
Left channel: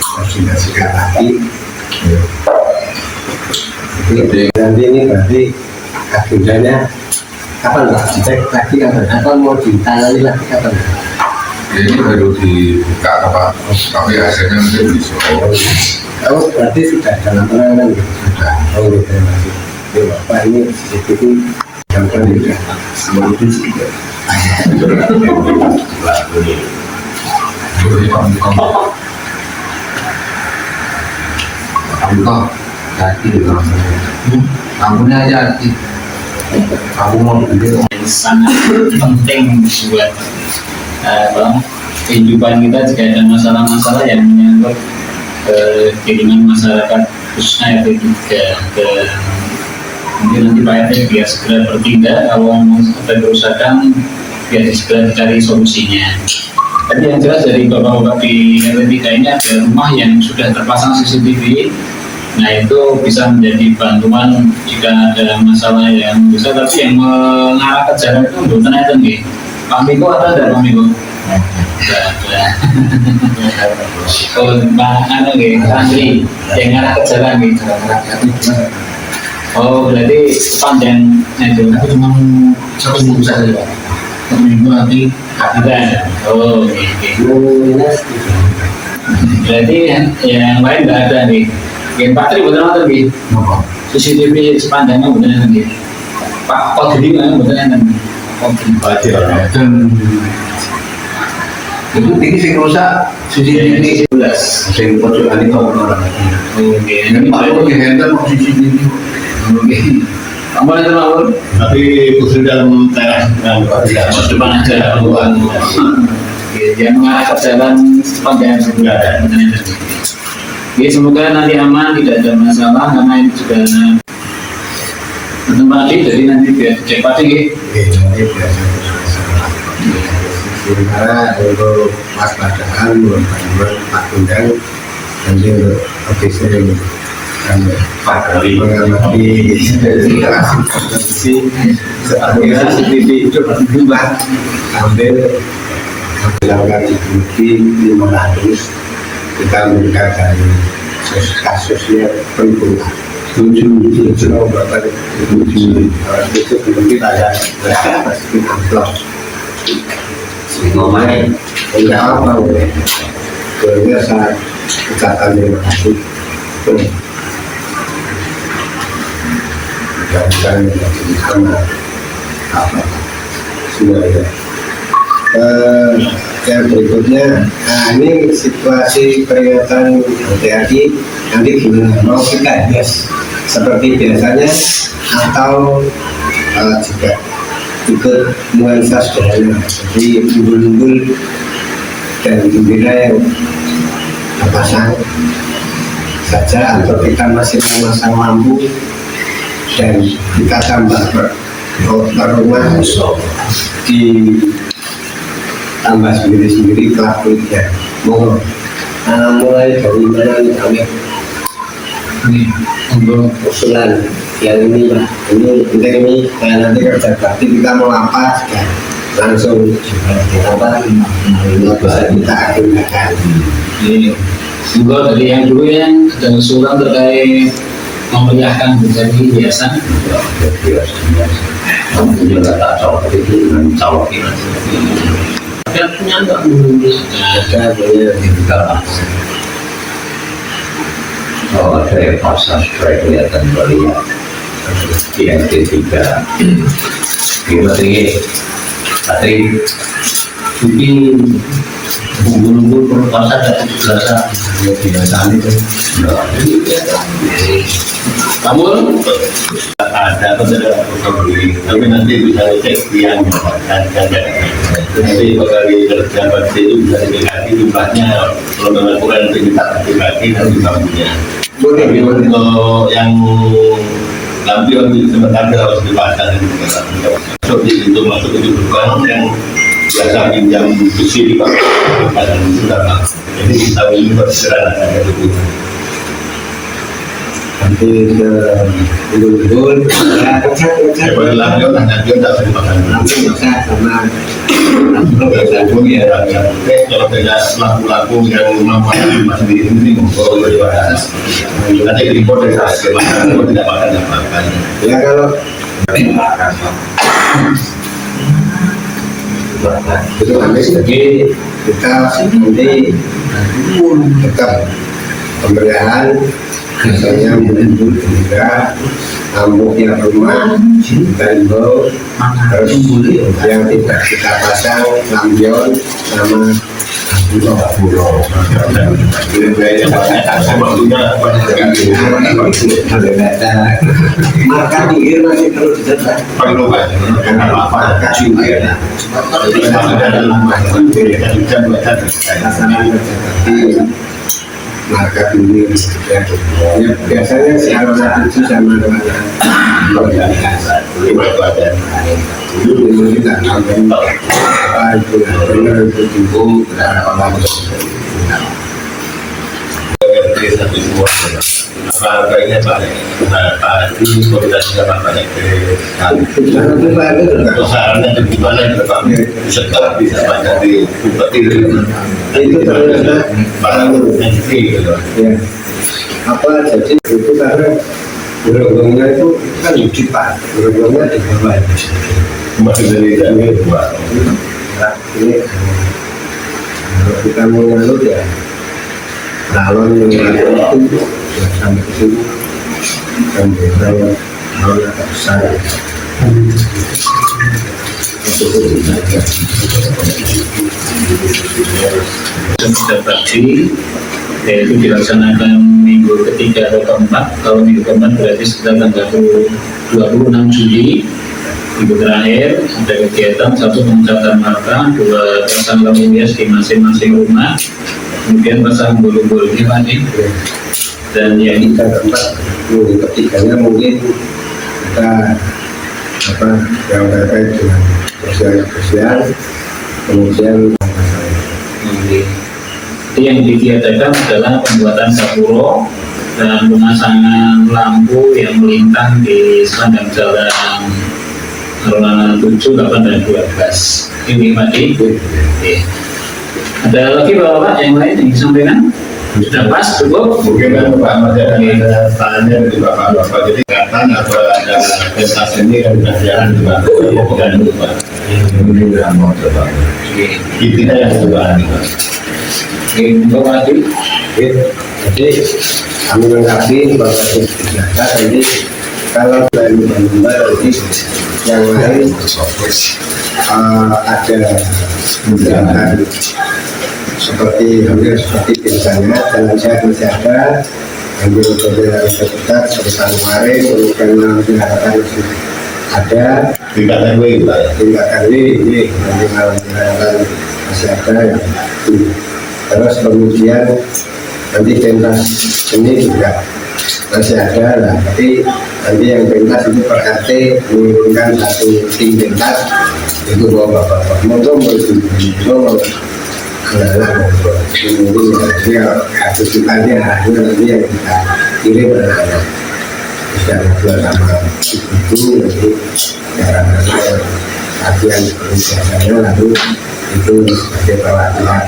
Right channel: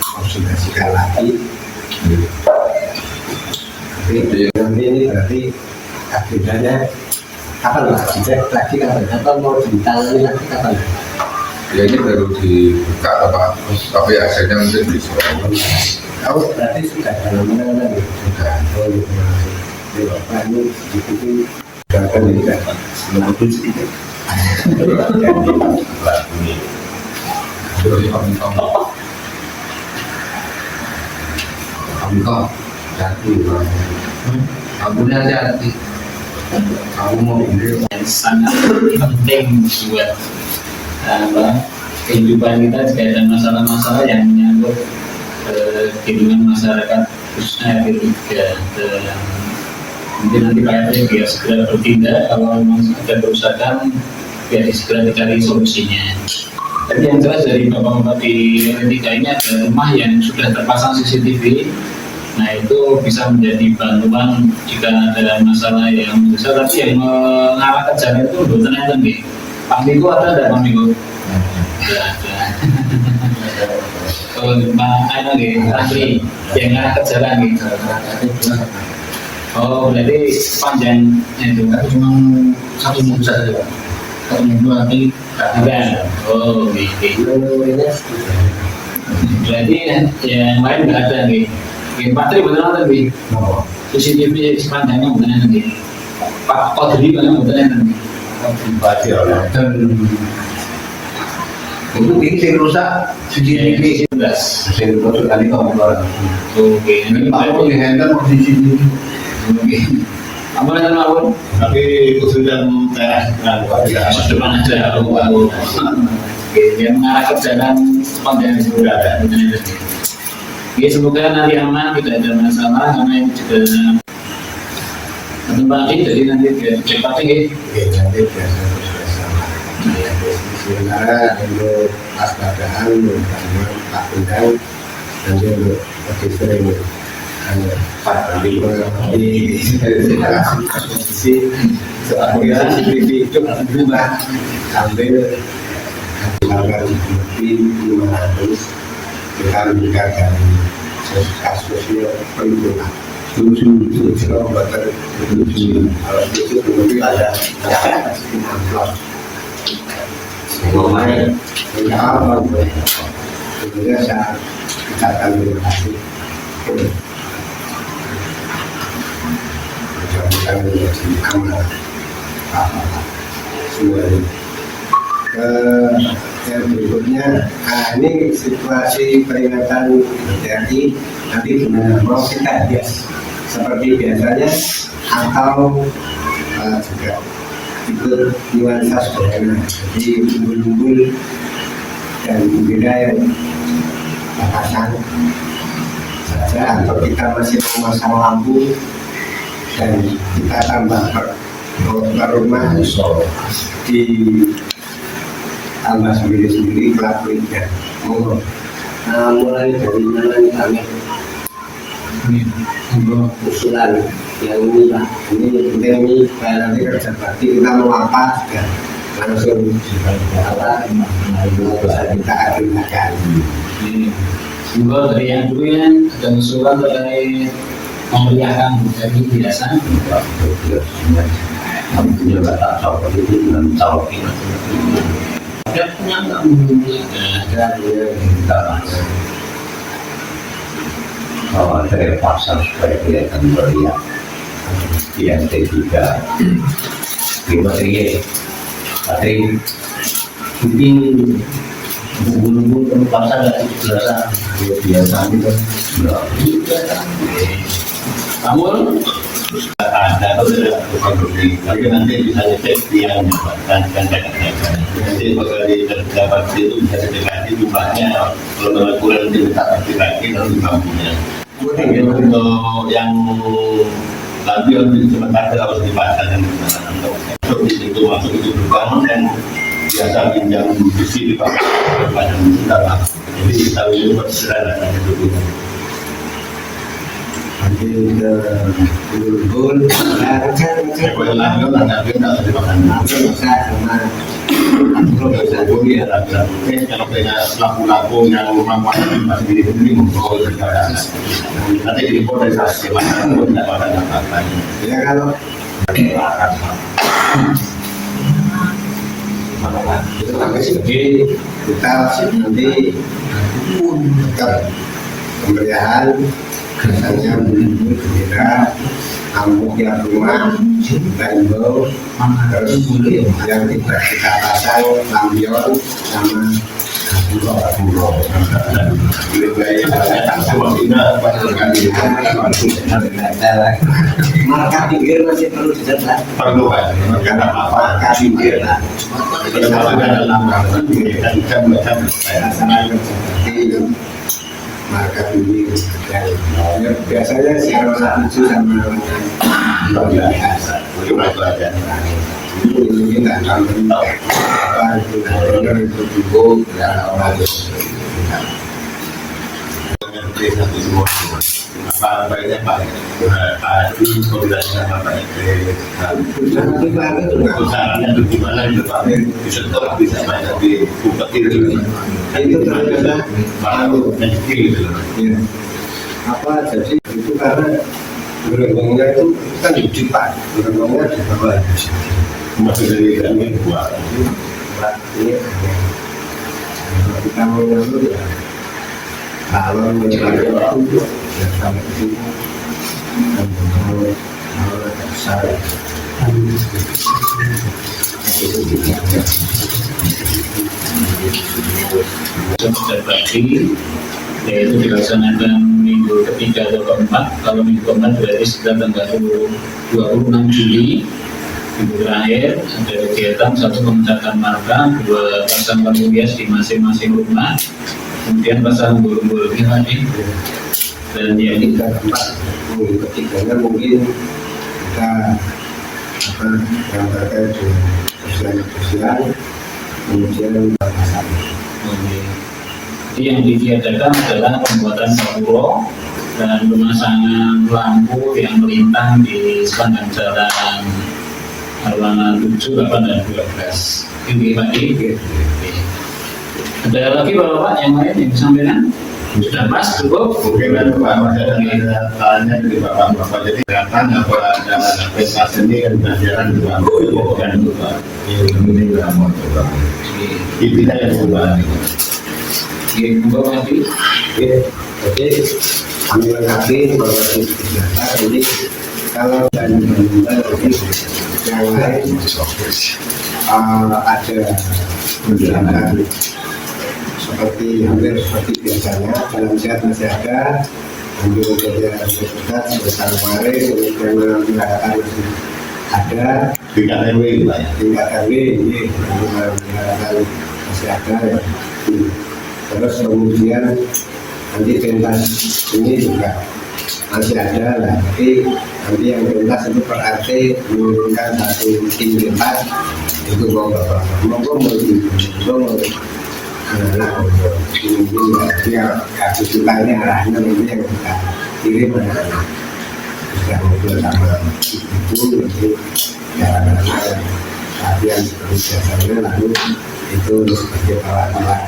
koordinasikan lagi. Jadi nanti ini berarti agendanya kapan Pak? Dicek lagi kapan? Atau mau ditangani lagi kapan? Ya ini baru dibuka apa? Tapi hasilnya mungkin besok. Kamu berarti sudah dalam penanganan ya? Sudah. Oh terima kasih. Jadi Bapak ini CCTV gampang juga. Seluruh itu juga. Contoh, hati kampungnya aja hati. Kamu mau beli yang sangat penting buat kehidupan kita jika ada masalah-masalah yang menyangkut keinginan masyarakat khususnya RT 3 mungkin nanti Pak RT biar segera bertindak kalau ada kerusakan biar segera dicari solusinya. Tapi yang jelas dari bapak-bapak di RT 3 ini ada rumah yang sudah terpasang CCTV. Nah itu bisa menjadi bantuan jika ada masalah yang besar, tapi yang mengarah ke jalan itu untuk tenaga nih. Pak Miko ada tidak Pak Miko? Tidak ada. Kalau mana nih santri yang ngarah ke jalan nih. Oh berarti panjangnya itu. Tapi cuma satu minggu saja Pak. Satu minggu nanti Ada. Oh gitu. Berarti yang lain nggak ada nih. Gen Patri betul betul nih. apa? CCTV sepanjangnya betul betul nih. Pak Kodri mana betul betul nih. Dan itu ini saya rusak CCTV 11. saya pojokan itu orang. Oke. Ini Pak Lu yang handle mau CCTV. Oke. Kamu boleh termawar? tapi putri dalam teras dan Masuk depan aja. Oke, jangan mengarah ke jalan sepanjang sudah ada. Oke, semoga nanti aman, tidak ada masalah karena ini juga tempat jadi nanti biar cek pasti. Oke, nanti biasa. Sementara untuk waspadaan bantuan Pak Bundang nanti untuk lebih sering mengamati kondisi sebagai CCTV itu berubah sambil menghilangkan CCTV 500 kita meningkatkan kasusnya peningkatan. Tujuh bahkan harus itu belum kita ada amplop semuanya enggak apa boleh bolehnya saya ucapkan terima kasih mudah-mudahan menjadi sama apa semuanya. Yang berikutnya, nah ini situasi peringatan HTRI nanti gimana? Mau kita hias seperti biasanya atau juga ikut nuansa sederhana, jadi umbul-umbul dan bendera yang terpasang saja, atau kita masih memasang lampu dan kita tambah rumah di tambah sendiri-sendiri kelap-kelipnya. Mulai dari mana nih kami? ini untuk Usulan yang ini Pak, ini nanti kerja bakti kita mau apa juga langsung apa bisa kita agendakan. Jadi, semoga dari yang dulu yang ada usulan terkait memeriahkan menjadi hiasan. Kamu nggak tak cocok itu dengan colokin. Tapi punya nggak belum Ada punya Kita pasang. Kalau ada yang pasang supaya kelihatan meriah. di NT3 itu Patri mungkin bumbu-bumbu perlu pasar dari biasa biasanya itu namun ada atau tidak beli tapi nanti bisa dicek yang dan nanti bakal dapat itu bisa dikasih jumlahnya kalau memang kurang nanti minta lagi nanti bangunnya kalau yang lampion sebentar harus dipasang masuk di situ masuk itu bukan yang biasa pinjam besi di bawah dan sudah jadi kita ini berserahan ada dukungan nanti ke dulu ya ngecek lampion tak dimakan langsung ngecek sama kalau beda laku-laku yang mampu masih diri sendiri monggo nanti di report dari saya tidak makan apa-apa ya kalau itu sampai segi kita nanti tetap pemberian misalnya mulut gembira ambuk yang rumah dan bau terus yang tidak kita pasang lampion sama marka pinggir masih terus dicetak karena marka pinggir marka pinggir ya biasanya si arwana 7 sama arwana itu kita ngambil apa itu benar itu cukup dan orang apa baiknya Pak ini koordinasi sama Pak sarannya di mana kita Pak setelah bisa banyak di bupati itu ternyata nanti gitu ya apa jadi itu karena geronggongnya itu kan digital geronggongnya di bawah masih dari buat ini kalau kita mau ngalut ya calon mengalut itu ya sampai ke sini dan kalau agak besar Sudah pagi yaitu dilaksanakan minggu ketiga atau keempat. Kalau minggu keempat berarti sekitar tanggal 26 Juli minggu terakhir ada kegiatan satu pengecatan marka, dua pasang lampu hias di masing-masing rumah, kemudian pasang bulu-bulu ini Pak dan yang kita keempat minggu ketiganya mungkin kita apa yang terkait dengan sosial kemudian yang digiatakan adalah pembuatan gapuro dan pemasangan lampu yang melintang di sepanjang jalan Arulana 7, 8, dan 12. Ini Pak Di. Ada lagi Bapak yang lain yang disampaikan? Sudah pas, cukup? mungkin kan Pak masih ada tanya dari Bapak jadi kapan apa ada pentas ini kan jalan juga bukan lupa ini udah mau coba kita yang coba Bapak Di. jadi kami lengkapi bahwa kita ini kalau dari nanti yang lain ada kegiatan seperti hampir seperti biasanya jalan sehat masih ada ambil kerja ketat seperti kemarin karena diharapkan masih ada tingkat RW Pak ya tingkat RW ini nanti malam diharapkan masih ada yang terus kemudian nanti pentas seni juga masih ada lah tapi nanti yang pentas itu per RT menurunkan satu tim pentas itu bapak-bapak monggo mau anak-anak monggo ini jadi kalau aktivitasnya arahnya nanti yang kita kirim anak-anak bisa ngobrol sama ibu nanti cara latihan seperti biasanya lalu itu sebagai perwakilan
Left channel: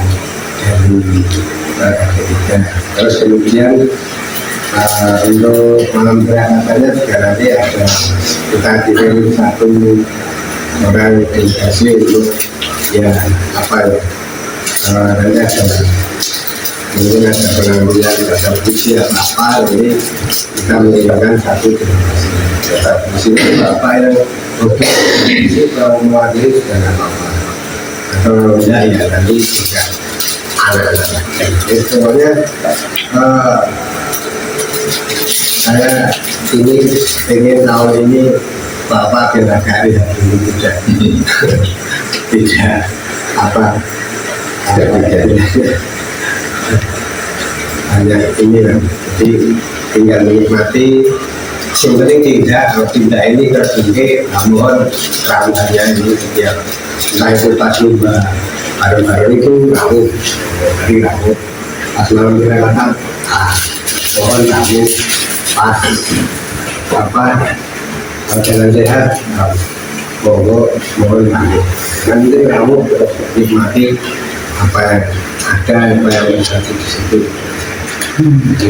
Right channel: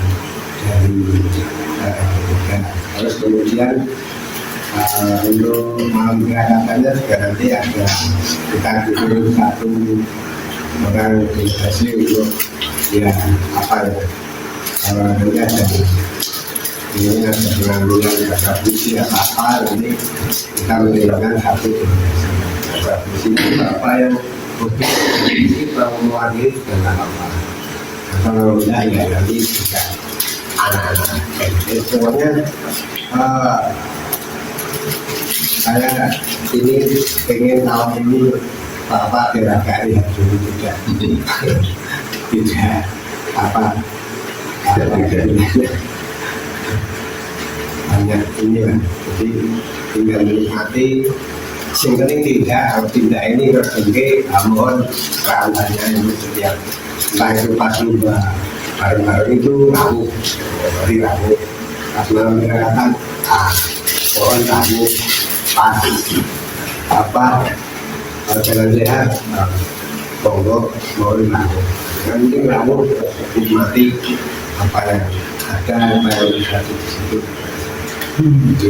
dari aktivitas terus kemudian untuk malam berangkatannya juga nanti ada kita kirim satu orang delegasi untuk ya apa ya nanti ada mungkin ada pengambilan data puisi atau apa, jadi kita mengirimkan satu donasi. Data puisi itu apa yang untuk puisi kalau mewakili dan apa. Kalau tidak ya nanti juga anak-anak. Jadi semuanya saya ini pengen tahun ini Bapak barangkali tidak apa hanya ini kan, jadi tinggal menikmati. Yang penting tidak ini terjungke, mohon rantannya ini setiap entah itu pas lomba baru-baru itu rabu, hari rabu pas malam direlatan, mohon rabu pas apa jalan sehat, monggo mohon rabu. Nanti rabu terus nikmati apa yang ada, apa yang terjadi di situ. Jadi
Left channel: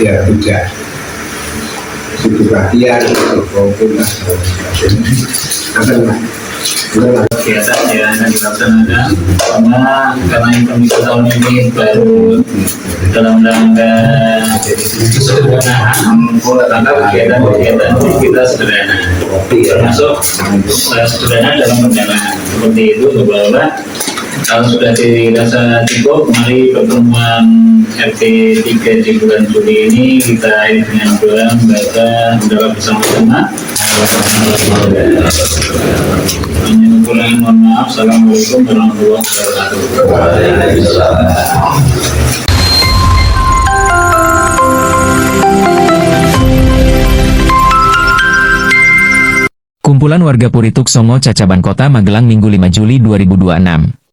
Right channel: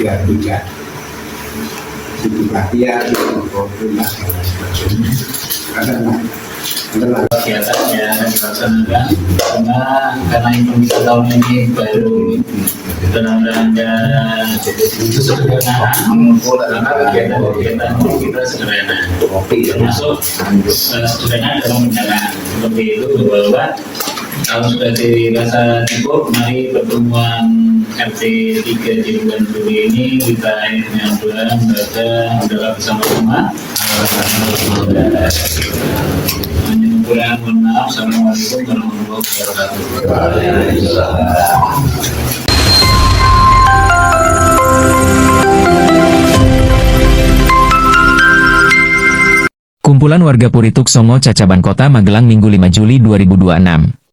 ya tidak butuh perhatian maupun lah kegiatan yang akan dilaksanakan karena event kita tahun ini baru dalam rangka sederhana, kegiatan kita sederhana, termasuk sederhana dalam pendanaan seperti itu bahwa kalau sudah dirasa cukup, mari pertemuan RT 3 di bulan Juli ini kita akhiri dengan doa membaca bersama-sama. Mengumpulkan, mohon maaf. Assalamualaikum warahmatullahi wabarakatuh. Kumpulan warga Purituk Songo Cacaban Kota Magelang Minggu 5 Juli 2026.